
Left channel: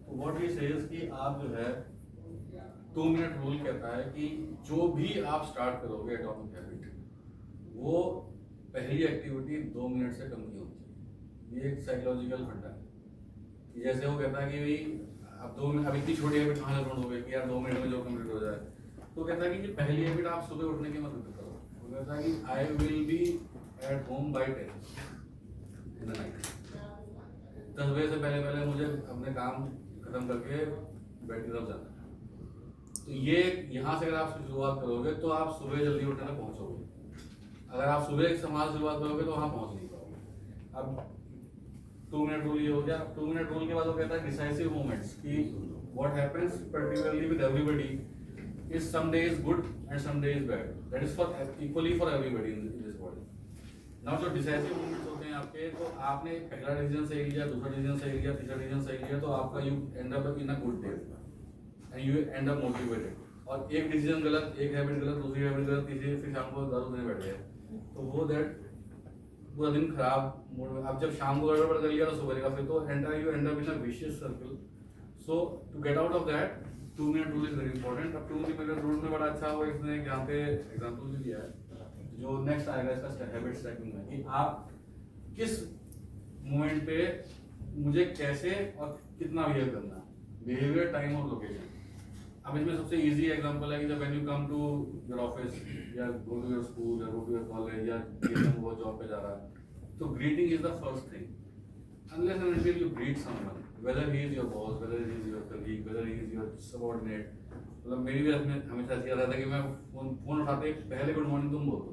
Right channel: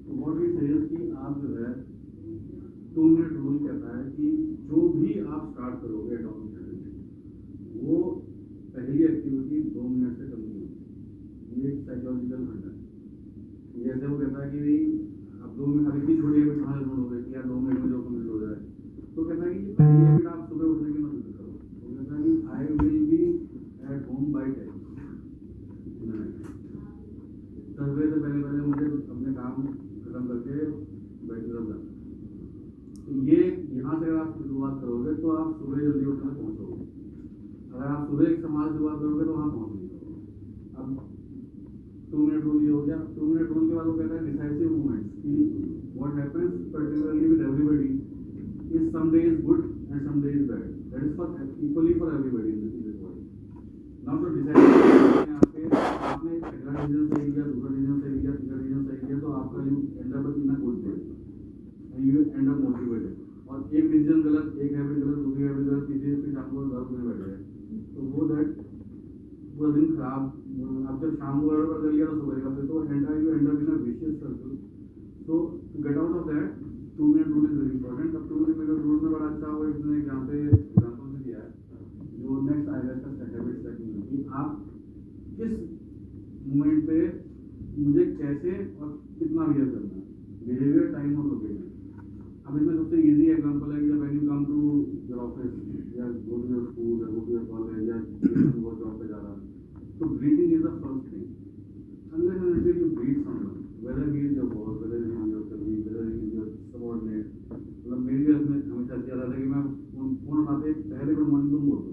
तो व्हाट ही सेज कि आप जो है 2 मिनट रूल कहता है कि जो भी आप स्टार्ट करोगे एटॉमिक हैबिट, वो पहली एक्टिविटी 2 मिनट से कम नहीं होती। ये एक साइकोलॉजिकल फंडा है। जैसे वो कहता है कि भाई अब 2 मिनट, अब इतनी छोटी हैबिट कहाँ से ढूंढोगे कि यार 2 मिनट में जो कंप्लीट हो जाए। तो कहता है कि पहली हैबिट आप सुबह उठने की मत करो। वो कहता है कि I will be at home by 10 in the night. 10 बजे से पहले मुझे अपने काम खत्म करके बेड की तरफ जाना है। तो ये यहाँ से अगर आप शुरुआत करोगे तो आप सुबह जल्दी उठने तक पहुँचोगे। अगर आप सुबह एक समाज शुरुआत करोगे तो वहाँ पहुँच नहीं पाओगे। अब 2 मिनट रूल ये हो गया। 2 मिनट रूल के बाद वो कहता है डिसाइसिव मोमेंट्स, कि what happens particularly with everybody is some day is good and some day is bad, that is for equally for everybody in this world. Now जो डिसाइसिव आपके, आपने पहला डिसीजन सही लिया, दूसरा डिसीजन सही लिया, तीसरा डिसीजन सही लिया, तो आपका you end up in a good day and you end up motivated. और एक डिसीजन गलत, एक हैबिट गलत, दूसरी हैबिट गलत, तीसरी, फिर शाम को दारू पीने बैठ गए, तो वो दैट पूरा दिन खराब मोड में, अब जब शाम को गड़बड़ कर लिया तो सुबह का, फिर तो you end up in a vicious circle. So to get out of that 2 minute rule is very important. अब 2 मिनट रूल में बड़ा अच्छा हुआ इसने यहाँ पे एग्जांपल भी दिया है. जो नेक्स्ट आएगा इसका हैबिट स्टैकिंग में, कि आप किस मोमेंट पे मुझे कैसे और कितना बिहेव करना है, बिहेवियर, टाइम और लोकेशन. अब इसमें सबसे इजी एग्जांपल है कि जब when you come to your office या गो टू योर स्कूल या गो टू योर कॉलेज या वो जॉब पे जा रहा है, तो greeting is the first thing. Unless and until you greet someone, whether he is your boss, whether he is your colleague, whether he is your subordinate. मतलब मेरी भी अपने हमेशा ऐसा याद आता है कि मैं फोन उठाते ही पहले गुड मॉर्निंग तुम बोल दो.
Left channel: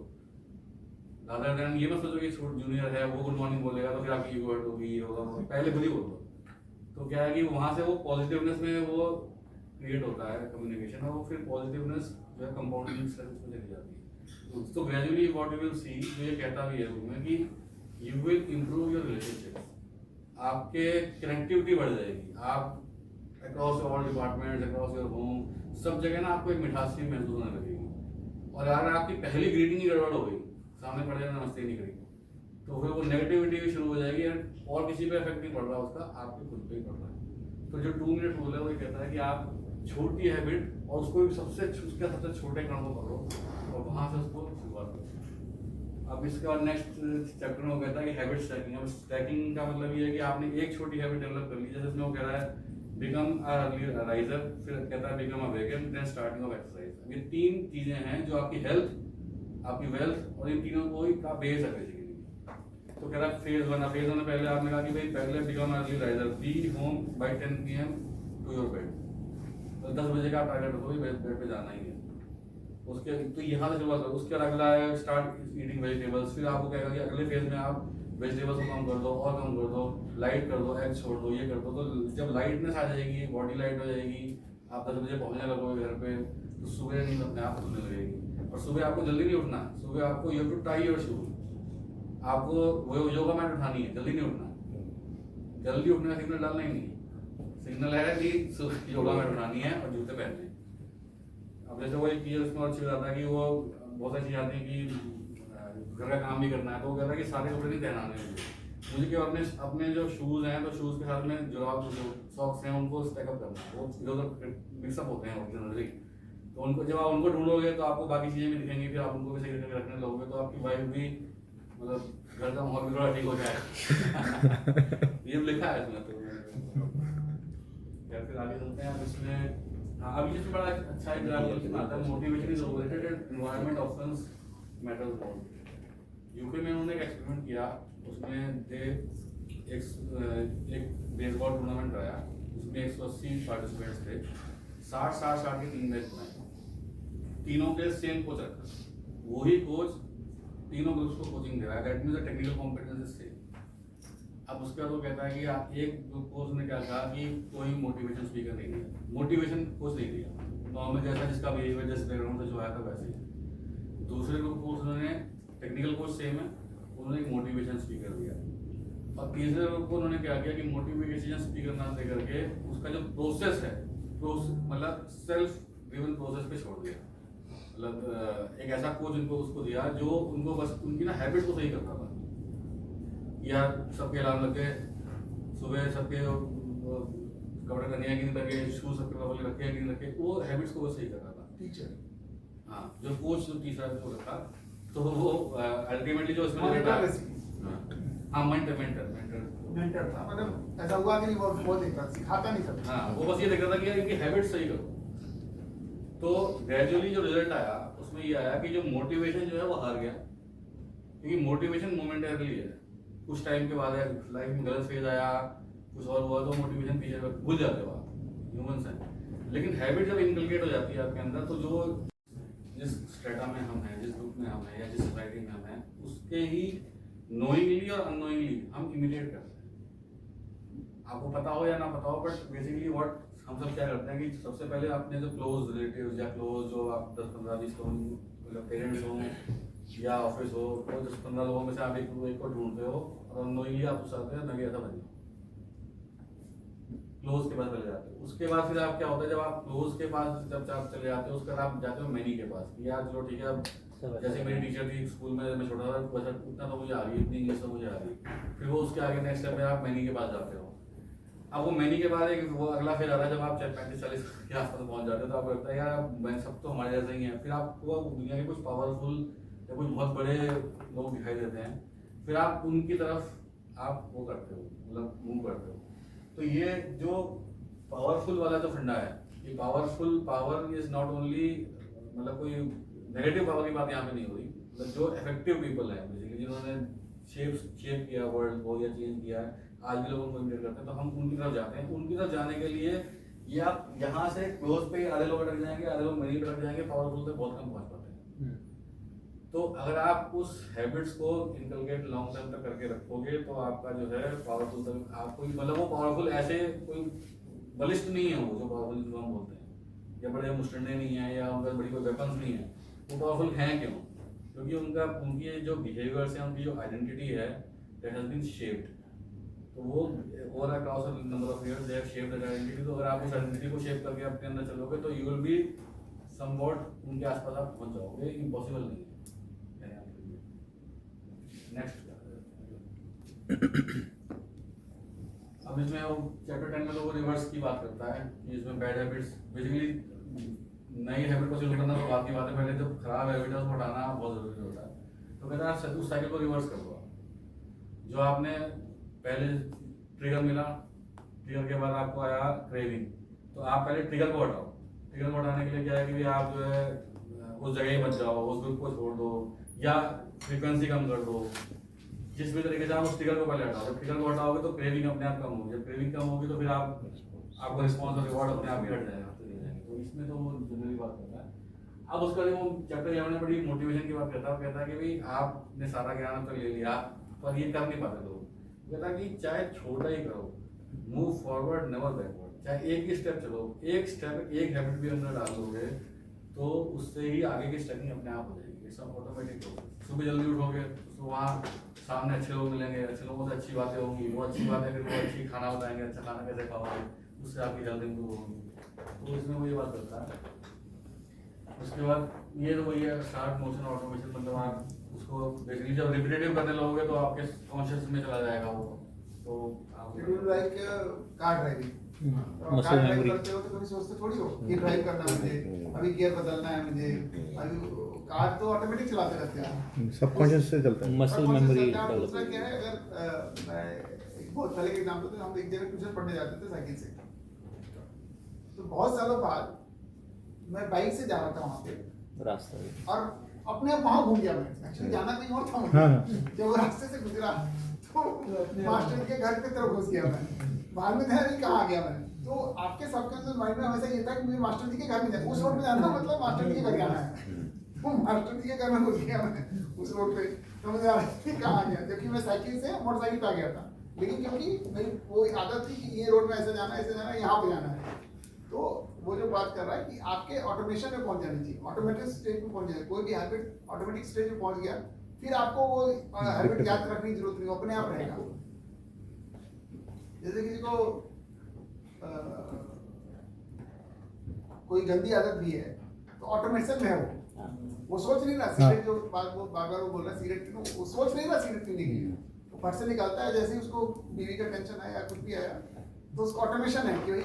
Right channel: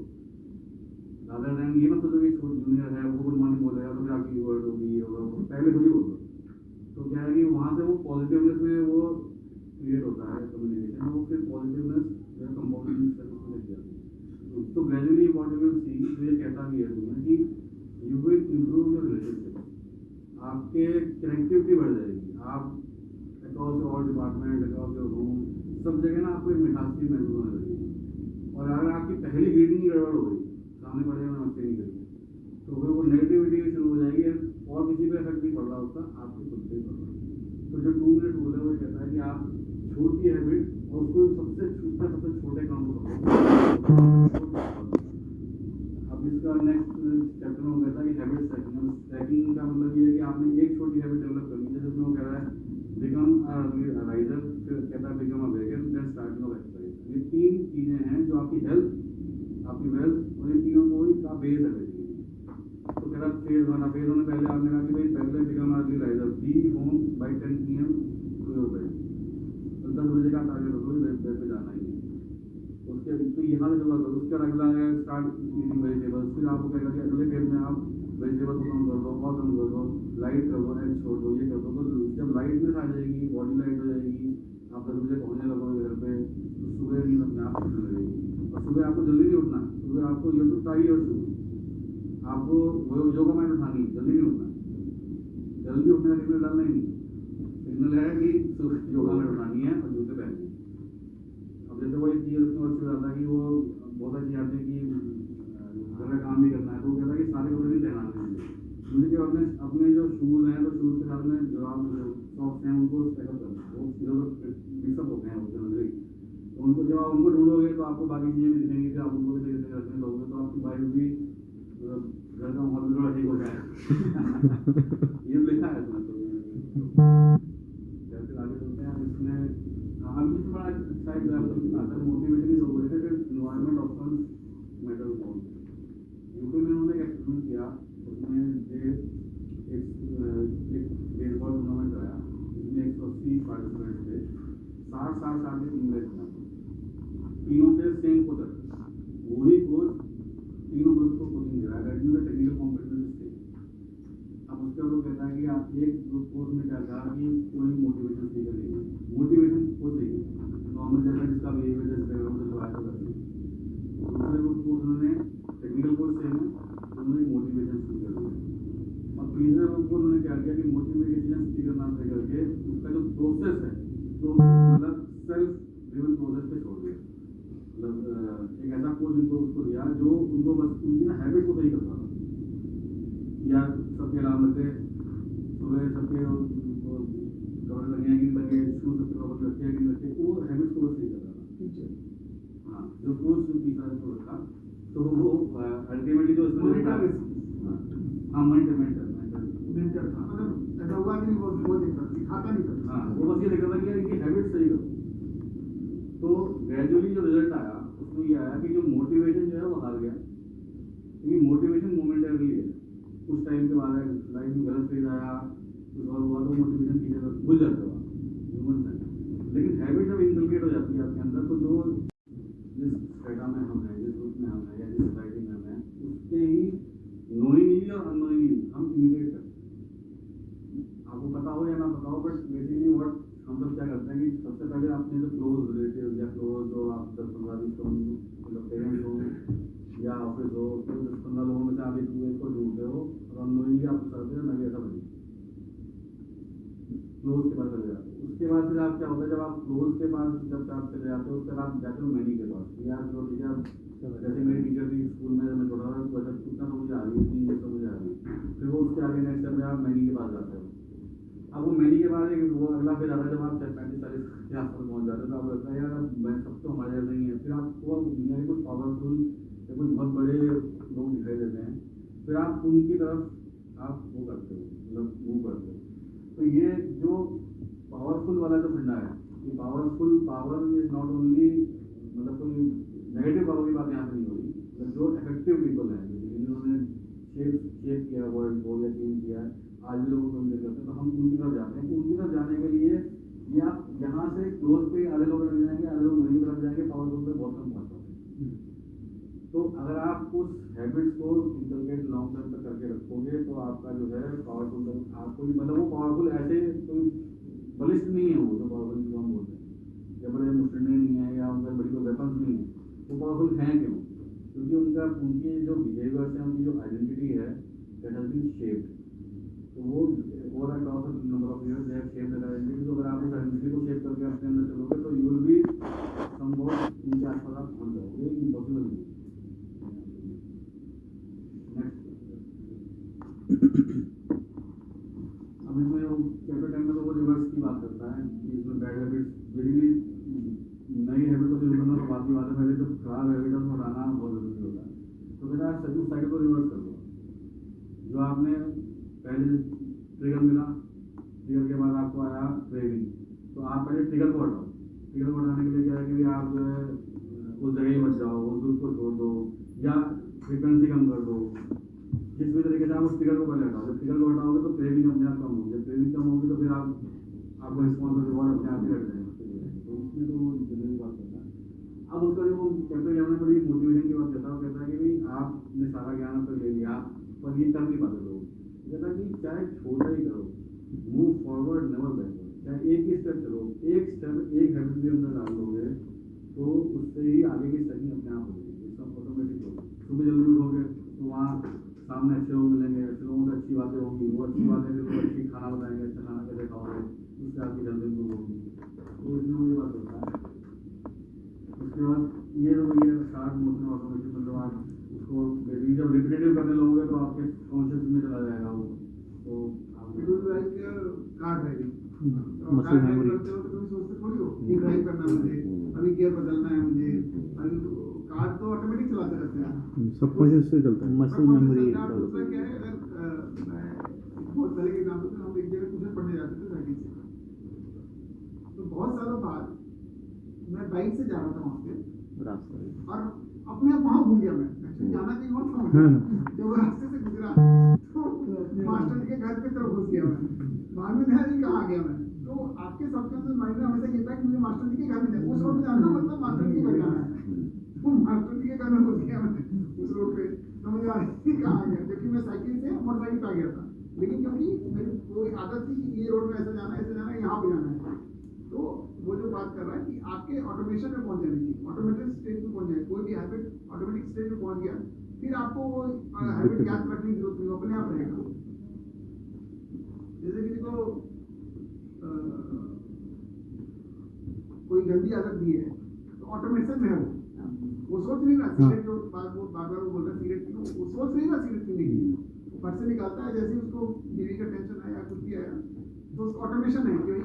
रादर देन ये मत सोचो कि जूनियर है वो गुड मॉर्निंग बोलेगा तो फिर आपकी वर्ड होगी, ये होगा, पहले खुद ही बोल दो. तो क्या है कि वहाँ से वो पॉजिटिवनेस में वो क्रिएट होता है कम्युनिकेशन, और वो फिर पॉजिटिवनेस जो है कंपाउंडिंग से उसमें चली जाती है. तो gradually what you will see, तो ये कहता भी है उसमें कि you will improve your relationship, आपके कनेक्टिविटी बढ़ जाएगी. आप across all departments, across your home, सब जगह ना आपको एक मिठास सी महसूस होने लगेगी. और अगर आपकी पहली ग्रीटिंग ही गड़बड़ हो गई, सामने पड़ जाए नमस्ते नहीं करेंगे, तो फिर वो नेगेटिविटी भी शुरू हो जाएगी और किसी पे इफेक्ट नहीं पड़ रहा उसका, आपके खुद पे ही पड़ रहा है. तो जो 2 मिनट रूल है वो ये कहता है कि आप छोटी हैबिट और उसको सबसे छोटे काम को करो. अब इसके बाद नेक्स्ट चैप्टर में वो कहता है कि हैबिट स्टैकिंग. अब स्टैकिंग का मतलब ये है कि आपने एक छोटी हैबिट डेवलप कर ली, जैसे इसमें वो कह रहा है बिकम अ राइजर, फिर कहता है become a vegan, then starting off exercise. ये 3 चीजें हैं जो आपकी हेल्थ, आपकी वेल्थ और इन तीनों को ही का बेस है बेसिकली. तो कह रहा है फेज 1 पहले आपने कहा कि भाई पहले become early riser, be home by 10 PM to your bed. तो 10 बजे का टारगेट रखो भाई बेड पे जाना ही है. उसके तो यहाँ से शुरुआत करो. उसके बाद अगला है स्टार्ट ईटिंग वेजिटेबल्स. फिर आपको कहेगा कि अगले फेज में आप वेजिटेबल्स को कम कर दो और कम कर दो, लाइट कर दो, एग छोड़ दो, ये कर दो. तो जब लाइटनेस आ जाएगी, बॉडी लाइट हो जाएगी, आप 10 बजे पहुँचने लगोगे घर पे, तो सुबह नींद अपने आप खुलने लगेगी. और सुबह आपको जल्दी नहीं उठना. सुबह आपको you to tie your shoes, आपको वो योगा मैट उठानी है, जल्दी नहीं उठना. जल्दी उठने का सिग्नल डालना ही नहीं, सिग्नल है कि योगा मैट उठानी है और जूते पहनने. अब जैसे वो एक चीज़ उसमें अच्छी बताता है कि वो बहुत अच्छी आती है कि घर का काम भी करना है, तो वो कहता है कि सारे कपड़े नहीं पहनाने मुझे, केवल अपने जो शूज़ हैं तो शूज़ के साथ में जुराब सॉक्स हैं उनको स्टैकअप करना है. वो इधर उधर मिक्सअप होते हैं जनरली, तो उनको जब आप उनको ढूंढोगे तो आपको बाकी चीज़ें भी दिखेंगी, फिर आप उनको भी सही करके रखने लगोगे, तो आपकी वाइफ भी मतलब घर का माहौल भी थोड़ा ठीक हो जाएगा. ये लिखा है इसमें. तो फिर आगे चलते हैं. इसमें अभी इसमें बड़ा अच्छा एग्जाम्पल आता है, motivation is overrated and environment options matters more. UK में उन्होंने एक एक्सपेरिमेंट किया, उसमें एक बेसबॉल टूर्नामेंट कराया, उसमें 180 पार्टिसिपेंट्स थे. 60 के 3 मैच बनाए, तीनों के सेम कोच रखा, वही कोच तीनों ग्रुप्स को कोचिंग दे रहा है. दैट मींस टेक्निकल कॉम्पिटेंस से. अब उसके बाद वो कहता है कि एक कोच ने क्या कहा कि कोई मोटिवेशन स्पीकर नहीं दिया, मोटिवेशन कोच नहीं दिया, नॉर्मल जैसा जिसका बिहेवियर जिस बैकग्राउंड से जो आया था वैसे. दूसरे ग्रुप को उन्होंने टेक्निकल कोच सेम है, उन्होंने एक मोटिवेशन स्पीकर दिया. और तीसरे ग्रुप को उन्होंने क्या किया कि मोटिवेशन स्पीकर ना दे करके उसका जो प्रोसेस है, मतलब सेल्फ ड्रिवन प्रोसेस पे छोड़ दिया. मतलब एक ऐसा कोच उनको उसको दिया जो उनको बस उनकी ना हैबिट को सही करता था. या सबके अलार्म लगे, सुबह सबके कपड़े करने की नहीं लगे, शूज सबके प्रॉपर्ली रखे कि नहीं रखे, वो हैबिट्स को वो सही करता था. टीचर, हाँ, जो कोच जो तीसरा जो रखा, तो वो अल्टीमेटली जो उसमें हाँ मेंटर था. मतलब ऐसा हुआ कि नहीं, वो बोल देता, सिखाता नहीं था. हाँ, वो बस ये देख रहा था कि इनकी हैबिट्स सही करो. तो ग्रेजुअली जो रिजल्ट आया उसमें ये आया कि जो मोटिवेशन जो है वो हार गया, क्योंकि मोटिवेशन मोमेंटरली है. कुछ टाइम के बाद लाइफ में गलत फेज आया, कुछ और हुआ, तो मोटिवेशन पीछे भूल जाते हो आप, ह्यूमंस हैं. लेकिन हैबिट जब इनकलकेट हो जाती है आपके अंदर, तो जो जिस स्ट्रेटा में हम हैं, जिस ग्रुप में हम हैं या जिस सोसाइटी में हम हैं, उसके ही नोइंगली और अननोइंगली हम इमिटेट करते हैं. आपको पता हो या ना पता हो, बट बेसिकली व्हाट हम सब क्या करते हैं कि सबसे पहले अपने जो क्लोज रिलेटिव्स या क्लोज जो आप 10-15-20 लोग पेरेंट्स हो या ऑफिस हो, तो 10-15 लोगों में से आप एक को ढूंढते हो और अननोइंगली आप उससे आते हैं मैं भी ऐसा बन जाऊँ, क्लोज के पास चले जाते हो. उसके बाद फिर आप क्या होता है, जब आप क्लोज के पास जब आप चले जाते हो, उसके बाद आप जाते हो मैनी के पास कि यार चलो ठीक है, अब जैसे मेरी टीचर थी स्कूल में, जब मैं छोटा था तो बस इतना तो मुझे आ गई, इतनी इंग्लिश तो मुझे आ गई। फिर वो उसके आगे नेक्स्ट स्टेप में आप मैनी के पास जाते हो। अब वो मैनी के बाद एक वो अगला फेज आता है जब आप 35-40 के आसपास पहुंच जाते हो, तो आपको लगता है यार मैं सब तो हमारे जैसे ही हैं। फिर आपको दुनिया के कुछ पावरफुल या कुछ बहुत बड़े लोग दिखाई देते हैं, फिर आप उनकी तरफ आप वो करते हो, मतलब मूव करते हो। तो ये जो पावरफुल वाला जो फंडा है, ये powerful power is not only, मतलब कोई नेगेटिव पावर की बात यहाँ पे नहीं हो रही, मतलब जो इफेक्टिव पीपल है बेसिकली, जिन्होंने शेप किया वर्ल्ड को या चेंज किया है, आज भी लोगों को इमिटेट करते हैं, तो हम उनकी तरफ जाते हैं। उनकी तरफ जाने के लिए ये आप यहाँ से क्लोज पे आधे लोग अटक जाएंगे, आधे लोग मेरी तरफ जाएंगे, पावरफुल से बहुत कम पहुँच पाते हैं। तो अगर आप उस हैबिट्स को इनकलकेट लॉन्ग टर्म तक करके रखोगे, तो आपका जो है पावरफुल तक आपको, मतलब वो पावरफुल ऐसे कोई बलिष्ठ नहीं है, वो जो पावरफुल जिसको हम बोलते हैं, या बड़े मुस्टंडे नहीं है, या उनका बड़ी कोई वेपन्स नहीं है। वो पावरफुल हैं क्यों? क्योंकि उनकी जो बिहेवियर्स हैं, उनकी जो आइडेंटिटी है, दैट हैज बीन शेप्ड। तो वो over a cross of number of years they have shaped that identity. तो अगर आप उस आइडेंटिटी को शेप करके अपने अंदर चलोगे, तो यू विल बी समवॉट उनके आसपास आप पहुंच जाओगे। इम्पॉसिबल नहीं है। नेक्स्ट अब इसमें वो चैप्टर 10 में तो वो रिवर्स की बात करता है, जिसमें बैड हैबिट्स, बेसिकली नई हैबिट को शुरू करना तो बात की बात है, पहले जो खराब हैबिट है उसको हटाना बहुत जरूरी होता है। तो कहता है उस साइकिल को रिवर्स कर दो। जो आपने पहले ट्रिगर मिला, ट्रिगर के बाद आपको आया क्रेविंग, तो आप पहले ट्रिगर को हटाओ। ट्रिगर को हटाने के लिए क्या है कि भाई आप जो है उस जगह ही मत जाओ, उस ग्रुप को छोड़ दो, या फ्रीक्वेंसी कम कर दो। जिस भी तरीके से आप उस ट्रिगर को पहले हटाओ। जब ट्रिगर को हटाओगे तो क्रेविंग अपने आप कम होगी। जब क्रेविंग कम होगी तो फिर आपको रिस्पॉन्स और रिवॉर्ड अपने आप ही हट जाएगा। तो इसमें तो वो जनरली बात करता है। अब उसका जो चैप्टर 11 में बड़ी मोटिवेशन की बात करता है। वो कहता है कि भाई आपने सारा ज्ञान तो ले लिया, पर ये कर नहीं पाते लोग। कहता कि चाहे छोटा ही करो, मूव फॉरवर्ड नेवर बैकवर्ड। चाहे एक ही स्टेप चलो, एक स्टेप, एक हैबिट भी अंदर डाल लोगे, तो उससे ही आगे की स्टेपिंग अपने आप हो जाएगी। सब ऑटोमेटिक हो। सुबह जल्दी उठोगे तो वहाँ सामने अच्छे लोग मिलेंगे, अच्छे लोगों से अच्छी बातें होंगी, वो अच्छी बातें फिर वो अच्छी खाना बताएंगे, अच्छा खाना कैसे खाओगे, उससे आपकी हेल्थ इंप्रूव होगी। तो इसमें वही बात करता है। उसके बाद ये तो वही है स्टार्ट मोशन ऑटोमेशन, मतलब आप उसको बेसिकली जब रिपीटेटिव करने लगोगे तो आपके कॉन्शियस में चला जाएगा वो। तो आप like car driving, muscle memory करते हो तो कभी सोचते थोड़ी हो कि ड्राइव करना है मुझे, अभी गियर बदलना है मुझे, अभी कार तो ऑटोमेटिक चलाते रहते हैं, सबकॉन्शियस से चलता है। Muscle memory develop. क्या है, अगर मैं बहुत पहले के एग्जांपल थे, हम एक जगह ट्यूशन पढ़ने जाते थे साइकिल से, तो बहुत सालों बाद मैं बाइक से जा रहा था वहाँ पे रास्ता और अपने आप वहाँ घूम गया। मैं एक्चुअली जाना कहीं और था मुझे, जब वो रास्ते से गुजरा तो मास्टर के घर की तरफ घुस गया मैं, बाद में ध्यान नहीं कहाँ आ गया मैं। तो आपके सबकॉन्शियस माइंड में हमेशा ये था कि मुझे मास्टर जी के घर में जाना, उस रोड में जाना मतलब मास्टर जी के घर जाना है। तो मास्टर जी के घर में घुस गया मैं उस रोड पे, तो मुझे कहाँ आ गया, जबकि मैं साइकिल से मोटरसाइकिल पे आ गया था। लेकिन क्योंकि मेरी वो आदत थी कि ये रोड में ऐसे जाना है, ऐसे जाना है, यहाँ पे जाना है। तो वो जो बात कर रहा है कि आपके ऑटोमेशन में पहुंच जानी चाहिए, ऑटोमेटिक स्टेज में पहुंच जाए। कोई भी हैबिट ऑटोमेटिक स्टेज में पहुंच गया, फिर आपको वो हैबिट याद रखने की जरूरत नहीं, अपने आप रहेगा। जैसे किसी को कोई गंदी आदत भी है तो ऑटोमेशन में है वो सोच नहीं रहा सिगरेट, जो बात वो बार-बार वो बोल रहा है सिगरेट पीना, वो सोच नहीं रहा सिगरेट पीने के लिए, वो फट से निकालता है। जैसे ही उसको बीवी का टेंशन आया, कुछ भी आया, तो उसका ऑटोमेशन है कि भाई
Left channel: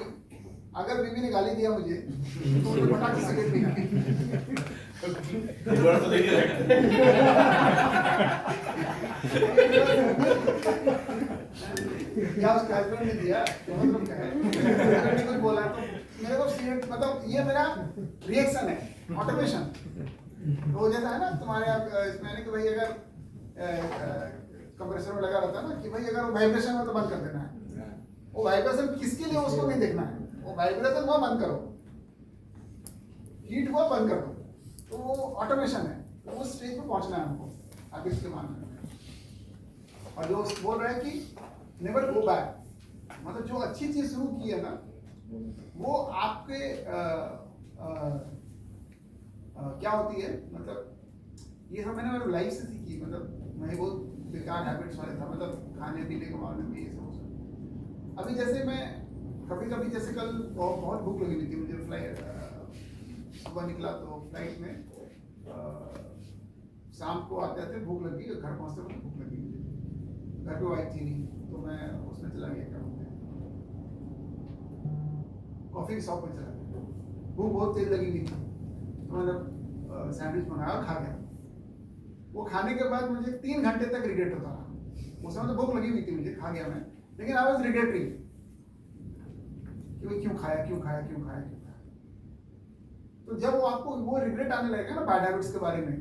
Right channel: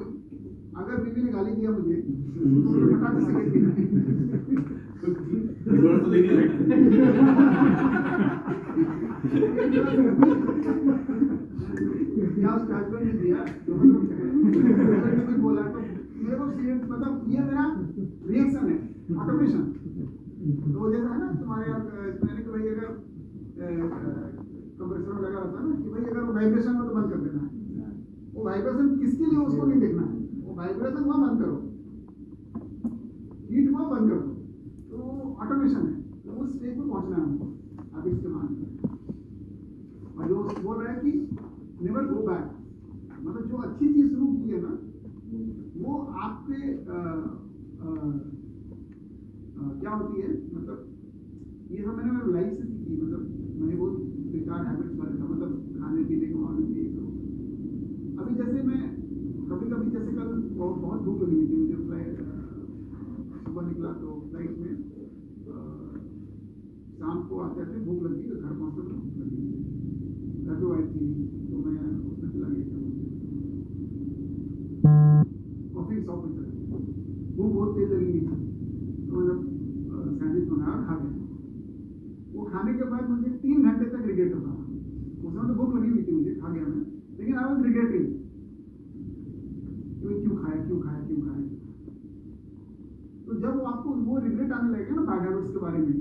अगर बीवी ने गाली दिया मुझे तो मुझे फटाक से सिगरेट पीना तो नहीं या उसके हस्बैंड ने दिया, जो मतलब क्या है, कुछ बोला तो मेरे को सिगरेट, मतलब ये मेरा रिएक्शन है, ऑटोमेशन। तो जैसा है ना तुम्हारे इसमें कि भाई अगर कंप्रेसर में लगा रहता है ना कि भाई अगर वो वाइब्रेशन हो तो बंद कर देना है। वो वाइब्रेशन किसके लिए उसको नहीं देखना है, वो वाइब्रेशन हुआ बंद करो, हीट हुआ बंद कर दो। तो वो ऑटोमेशन है, तो उस स्टेज पे पहुंचना है हमको आगे इसके मानने में। और जो बोल रहा है कि नेवर गो बैक, मतलब जो अच्छी चीज शुरू की है ना वो आपके क्या होती है, मतलब ये सब मैंने मेरे लाइफ से सीखी। मतलब मैं बहुत बेकार हैबिट्स वाले था, मतलब खाने पीने के मामले में ये सब। अभी जैसे मैं कभी जैसे कल बहुत भूख लगी हुई थी मुझे, फ्लाइट सुबह निकला तो फ्लाइट में शाम को आते थे, भूख लगी, घर पहुँचते मुझे भूख लगी, घर पे वाइफ थी नहीं, तो मैं उसमें चला गया, क्या बोलते हैं, कॉफ़ी शॉप में चला गया, भूख बहुत तेज लगी हुई थी, तो मैंने सैंडविच बनाया और खा गया। वो खाने के बाद मुझे 3 घंटे तक रिग्रेट होता रहा। उस समय तो भूख लगी हुई थी मुझे, खा गया मैं, लेकिन आई वाज रिग्रेटिंग कि क्यों खाया। तो जब वो आपको वो रिग्रेट आने लगेगा ना बैड हैबिट्स के बारे में,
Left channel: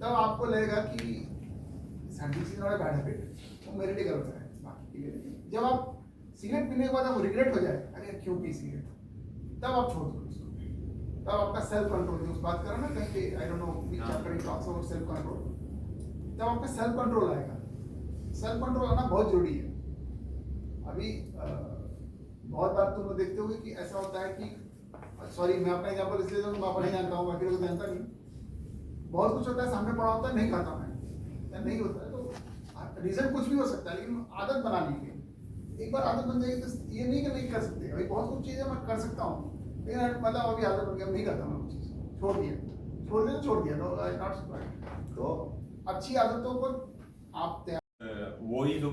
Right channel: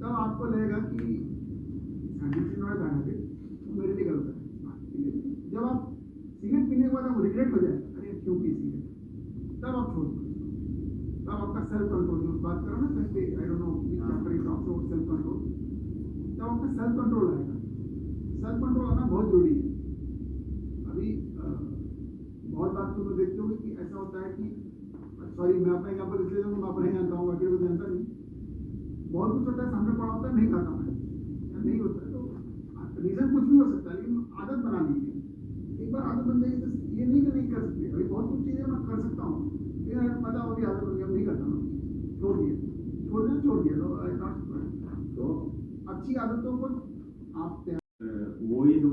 तब आपको लगेगा कि sandwich is not a bad habit, वो मेरे लिए गलत है बाकी के लिए। जब आप सिगरेट पीने के बाद आपको रिग्रेट हो जाए, अरे क्यों पी सिगरेट, तब आप छोड़ दो उसको। तब आपका सेल्फ कंट्रोल, जो उस बात करो ना कहीं, I don't know which chapter it talks about self control, तब आपका सेल्फ कंट्रोल आएगा। सेल्फ कंट्रोल आना बहुत जरूरी है। अभी बहुत बार तुम लोग देखते होगे कि ऐसा होता है कि, सॉरी मैं अपना एग्जांपल इसलिए दूं, मैं अपना जानता हूँ, बाकी लोग जानता नहीं, बहुत कुछ होता है सामने पड़ा होता है, नहीं खाता मैं, या नहीं होता है, तो रीजन कुछ भी हो सकता है, लेकिन आदत बना लीजिए। एक बार आदत बन जाएगी तो ये नहीं कि नहीं कर सकते, अभी बहुत कुछ चीज़ें मैं कर सकता हूँ, लेकिन मतलब अभी आदत बन गया, नहीं करता मैं कुछ चीज़, छोड़ दिया, तो नॉट तो अच्छी आदतों को आप तैयार। वही जो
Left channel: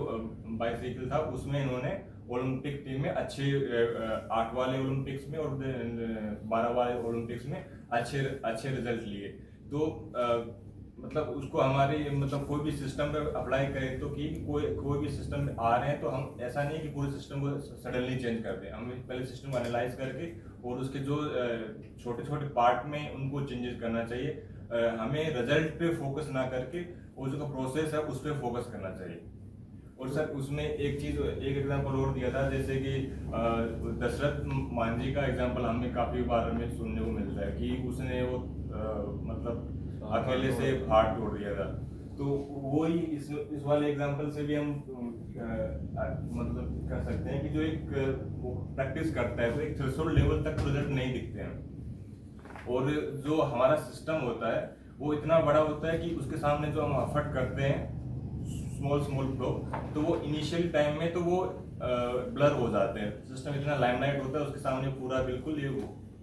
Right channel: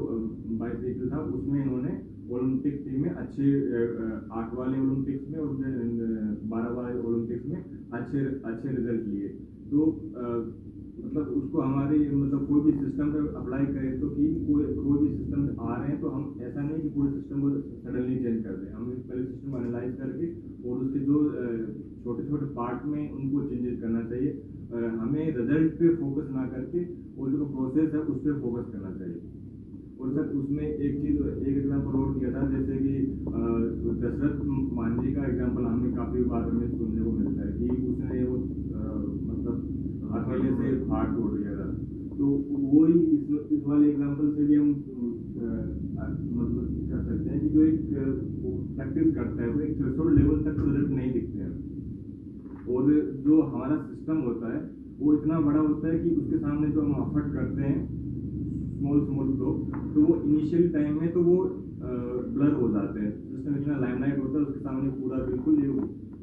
बाइसाइकिल था उसमें इन्होंने ओलंपिक टीम में अच्छे 8 वाले ओलंपिक्स में और 12 वाले ओलंपिक्स में अच्छे रिजल्ट लिए। तो मतलब उसको हमारे मतलब कोई भी सिस्टम पे अप्लाई करें तो कि कोई भी सिस्टम आ रहे हैं तो हम ऐसा नहीं कि पूरे सिस्टम को सडनली चेंज कर दें, हमें पहले सिस्टम को एनालाइज करके और उसके जो छोटे छोटे पार्ट में उनको चेंजेस करना चाहिए। हमें रिजल्ट पे फोकस ना करके वो जो प्रोसेस है उस पर फोकस करना चाहिए। और सर उसमें एक एग्जांपल और दिया था, जैसे कि दशरथ मांझी का एग्जांपल हमें काफ़ी बार हमें सुनने को मिलता है कि उसने वो मतलब अकेले से हाथ तोड़ दिया था। तो वही इस वाले एग्जांपल से भी हम मतलब कर सकते हैं कि जो एक प्रैक्टिस करता है वो एक थ्रेशोल्ड लेवल तक रिजल्ट नहीं दिखते हैं, और जो हमारा सिस्टम होता है वो इतना बड़ा होता है कि उसके सामने जो हम एफर्ट करते हैं स्मॉल फ्लो, तो वो इनिशियल टाइम में तो वो ब्लर हो जाते हैं, सिस्टम इतना लाइमलाइट होता है उसके सामने पूरा बिल्कुल ये वो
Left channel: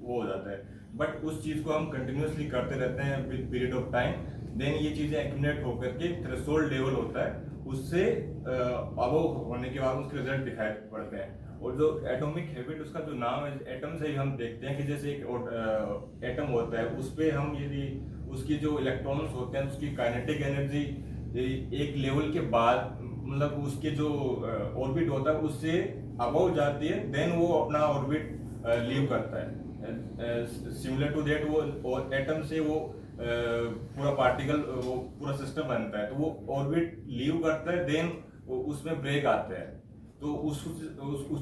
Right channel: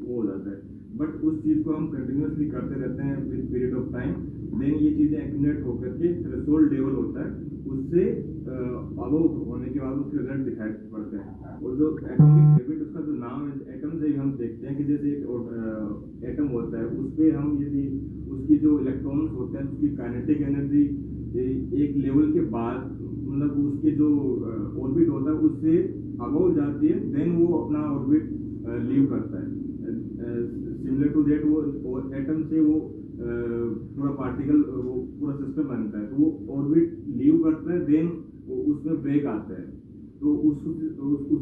हो जाता है। बट उस चीज़ को हम कंटिन्यूसली करते रहते हैं with period of time, then ये चीज़ें एक्यूमुलेट होकर के थ्रेशोल्ड लेवल होता है, उससे अबव होने के बाद उसके रिजल्ट दिखाई पड़ते हैं। और जो एटॉमिक हैबिट उसका जो नाम है, एटम से हम देखते हैं कि जैसे एक एटम होता है, उस पर हम यदि उसकी जो इलेक्ट्रॉन्स होते हैं उसकी काइनेटिक एनर्जी एक लेवल के बाद मतलब उसके जो ऑर्बिट होता है उससे अबव जाती है, देन वो अपना ऑर्बिट लीव करता है। सिमिलर टू दैट वो एटम से वो पूरा पार्टिकल वो पूरा सिस्टम बनता है, तो वो ऑर्बिट लीव करता है, देन उसमें ब्रेक आता है। तो उस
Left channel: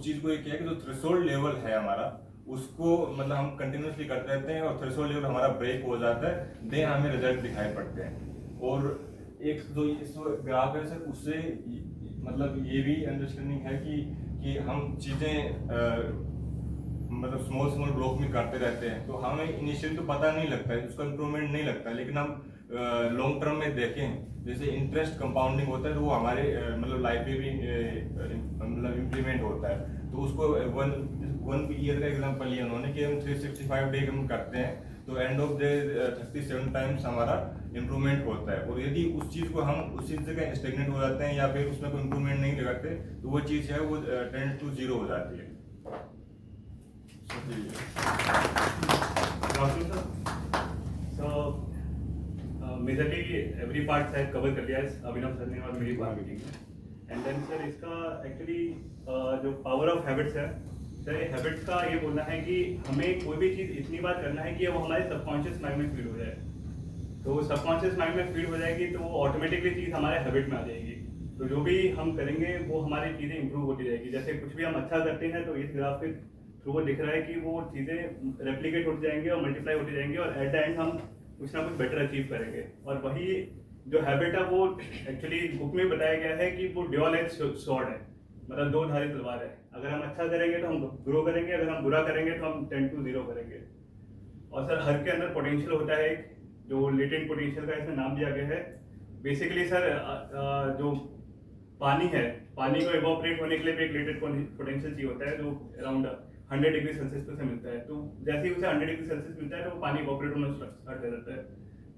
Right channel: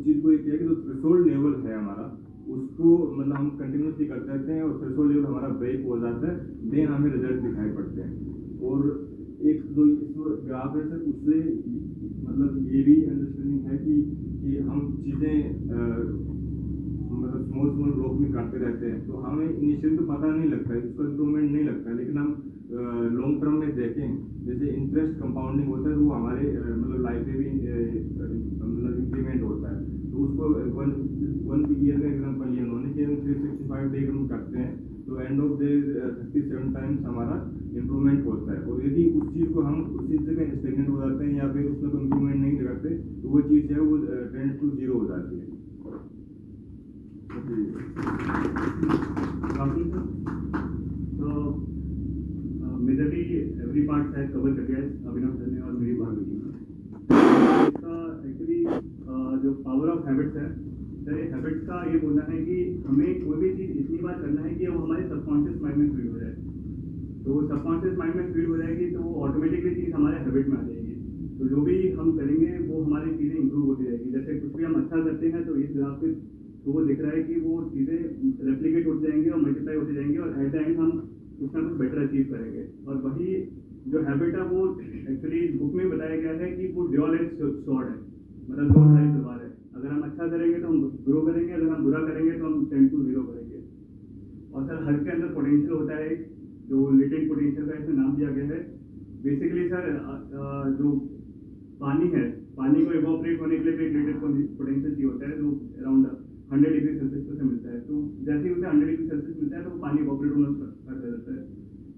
चीज़ को ये किया कि जो थ्रेशोल्ड लेवल है हमारा उसको मतलब हम कंटिन्यूसली करते रहते हैं और थ्रेशोल्ड लेवल हमारा ब्रेक हो जाता है, देन हमें रिजल्ट दिखाई पड़ते हैं। और एक जो इस ग्राफ है सर, उससे मतलब ये भी अंडरस्टैंडिंग है कि हम चीज़ें मतलब स्मॉल ब्लॉक में करते रहते हैं, तो हमें इनिशियली तो पता नहीं लगता है, उसका इम्प्रूवमेंट नहीं लगता है, लेकिन हम लॉन्ग टर्म में देखें जैसे इंटरेस्ट कंपाउंडिंग होता है तो वो हमारे मतलब लाइफ में भी मतलब इम्प्लीमेंट होता है। तो उसको वन ईयर का एग्जांपल लिया उन्होंने कि हम 365 डे हम करते हैं तो एंड ऑफ डे 37 टाइम्स हमारा इम्प्रूवमेंट होता है। और यदि उस चीज़ को हम उसी जगह स्टेगनेट हो जाते हैं या फिर उसमें कोई इम्प्रूवमेंट नहीं लगाते तो वो चीज़ है वो टेंड टू 0 हो जाती है। मेजरली एवरी पार्ट शायद कवर कर लिया है अभिनव सर ने और मेरी मीटिंग में। इसका एक्चुअली जो पावर ऑफ हैबिट्स है सर, हैबिट्स का ये बोलना है कि हमें कोई भी चीज़ इतनी बार करना है कि वो हमारे सबकॉन्शियस माइंड में फीड हो जाए। तो सबकॉन्शियस माइंड में फीड हो जाएगी तो वो ऑटोमेटिकली चीज़ हमारे हैबिट में आ जाएगी। तो जो भी हम करेंगे वो हमारी चीज़ें इंप्रूव होती जाएगी। जैसे कुछ भी हम अच्छा करते हैं तो इस ग्राफ के थ्रू वो दिख रहा है कि वो चीज़ें रेप्लिकेट होती जाएंगी और मल्टीप्लाई होती जाएंगी और एट द एंड हम कुछ ना कुछ बेटर अचीव करेंगे। और वही जो हैबिट है वो एक्चुअली बुक में बताया गया है कि वो ड्यूअल एज स्वॉर्ड है, मतलब दो धारी तलवार है। अगर हम अच्छा करेंगे तो हम ग्रो करेंगे, अगर हम बुरा करेंगे तो हम 10 to 0 करेंगे। और सर हर के अंदर पोटेंशियल होता है एक, जो लेटेंट पोटेंशियल का इसमें नाम दिया गया है। बेसिकली सर जो पानी है, पानी को इवोपरेट होने के लिए भी एक लेटेंट पोटेंशियल चाहिए होता है जो अराउंड 100 डिग्री सेल्सियस पे से मिलता है। तो जैसे ही उसे 100 डिग्री सेल्सियस मिलता है तो वो पानी इवोपरेट होना स्टार्ट कर जाता है।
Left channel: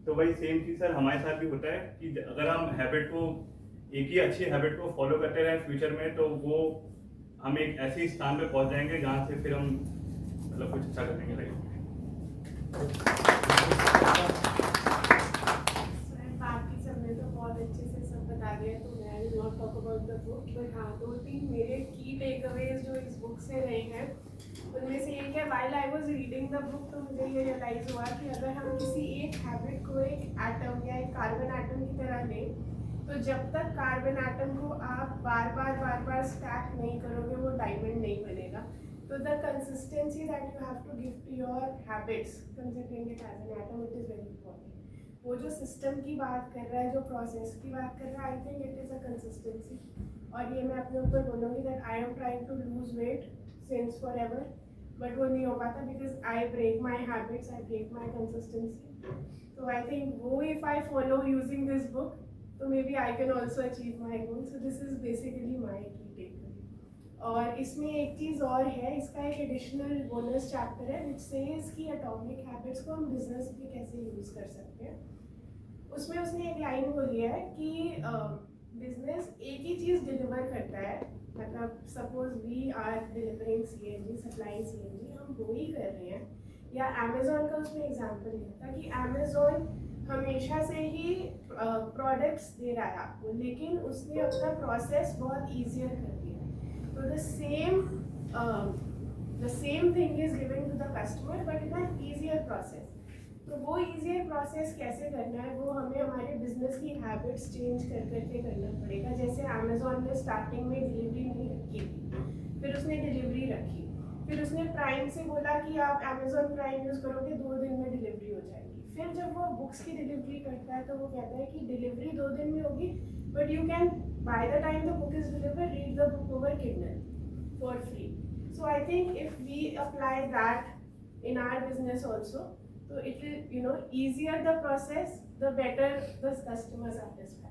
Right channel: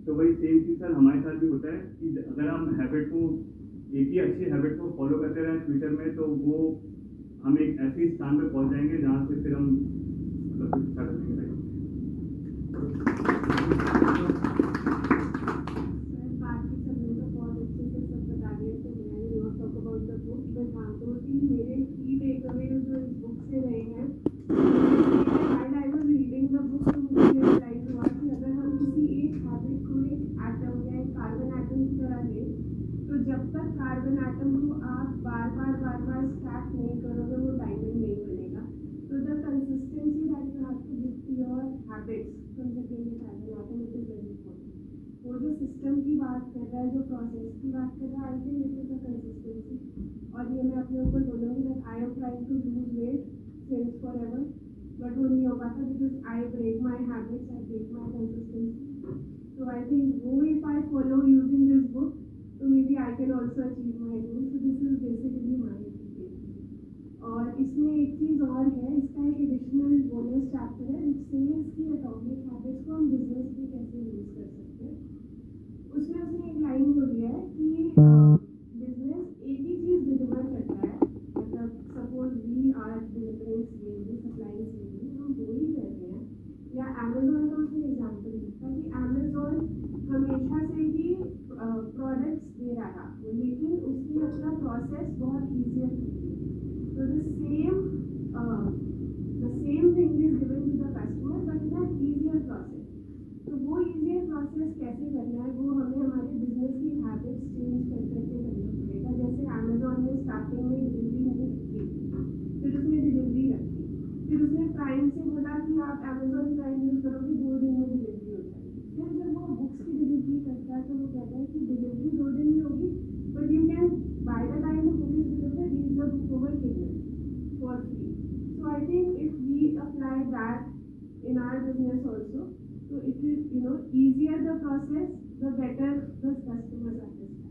तो वही सेम चीज़ सर हमारे साथ भी होता है कि अगर हम हैबिट को एक ही अच्छी हैबिट को फॉलो करते रहें फ्यूचर में, तो वो हम एक ऐसे स्थान पे पहुंच जाएंगे जहाँ से फिर हम मतलब कुछ अच्छा करेंगे लाइफ में। बाकी सबने तो बहुत अच्छे से सब बता दिया, तो मैं will not talk about the book, but हाँ 2-3 मेरे की टेकअवेज जो इस बुक से रहे हैं। इसलिए while I was reading the book तो मुझे ये रियलाइज हुआ कि अगर हम किसी एक हैबिट को एक एटम या एक कार्बन एटम की तरह लें, तो जब तक कार्बन एटम को आप बार बार स्टैक नहीं करोगे वो डायमंड नहीं बनेगा। तो the consistency that you have to give to your habits, considering it as an atom, it is very important. वो जो सिस्टम की बात कर रहा है, जो प्रोसेस की बात कर रहा है, I think it is a consistency. और ये मैं अपने ऊपर बोलूँगी that I am trying to lose weight since forever, but वो नहीं हो पाता because I break my habits, I break my consistency. तो आई थिंक वो if I follow using this book, तो maybe I can also achieve my goal. So this is basically my key take. और इसमें एक चीज़ और है, इसका एक एडिशनल बोनस चैप्टर है विच सेज कि एटॉमिक हैबिट्स को हम बिजनेस में कैसे यूज़ कर सकते हैं। उसमें उसने एक लाइन बोली है कि बिजनेस एक ही चीज़ डिलीवर करता है, मतलब suppose we are delivering CNG, supplying CNG, हम वो ही कर रहे हैं। या अमेजोन का उसमें एग्जाम्पल देता कि अमेजोन हमेशा से ही प्रोडक्ट्स दे रहा है आपको, लेकिन उसने अपना प्रोसेस बहुत ईजियर कर दिया। तो the same thing is given to the customer but in an easier process. तो वो ईजियर प्रोसेस कैसे करना है, वो हमें हमारे बिजनेस की हैबिट्स चेंज कर करके करना पड़ेगा। जैसे अमेजोन ने स्टार्टिंग में डिलीवरी नहीं रखी थी, फिर उसने डिलीवरी रखी, फिर उसने प्राइम से बोला कि आप अमेजोन प्राइम यूज़ करोगे 2 दिन में डिलीवरी हो जाएगी। फिर जब वो बुक्स की डिलीवरी करता है तो वो कहता है कि डिलीवरी 2 दिन में होगी, but you can buy the time the book is delivered read the book over Kindle for free. So I think if we apply that in our business also, so it will, easier the process, the better the customer satisfaction.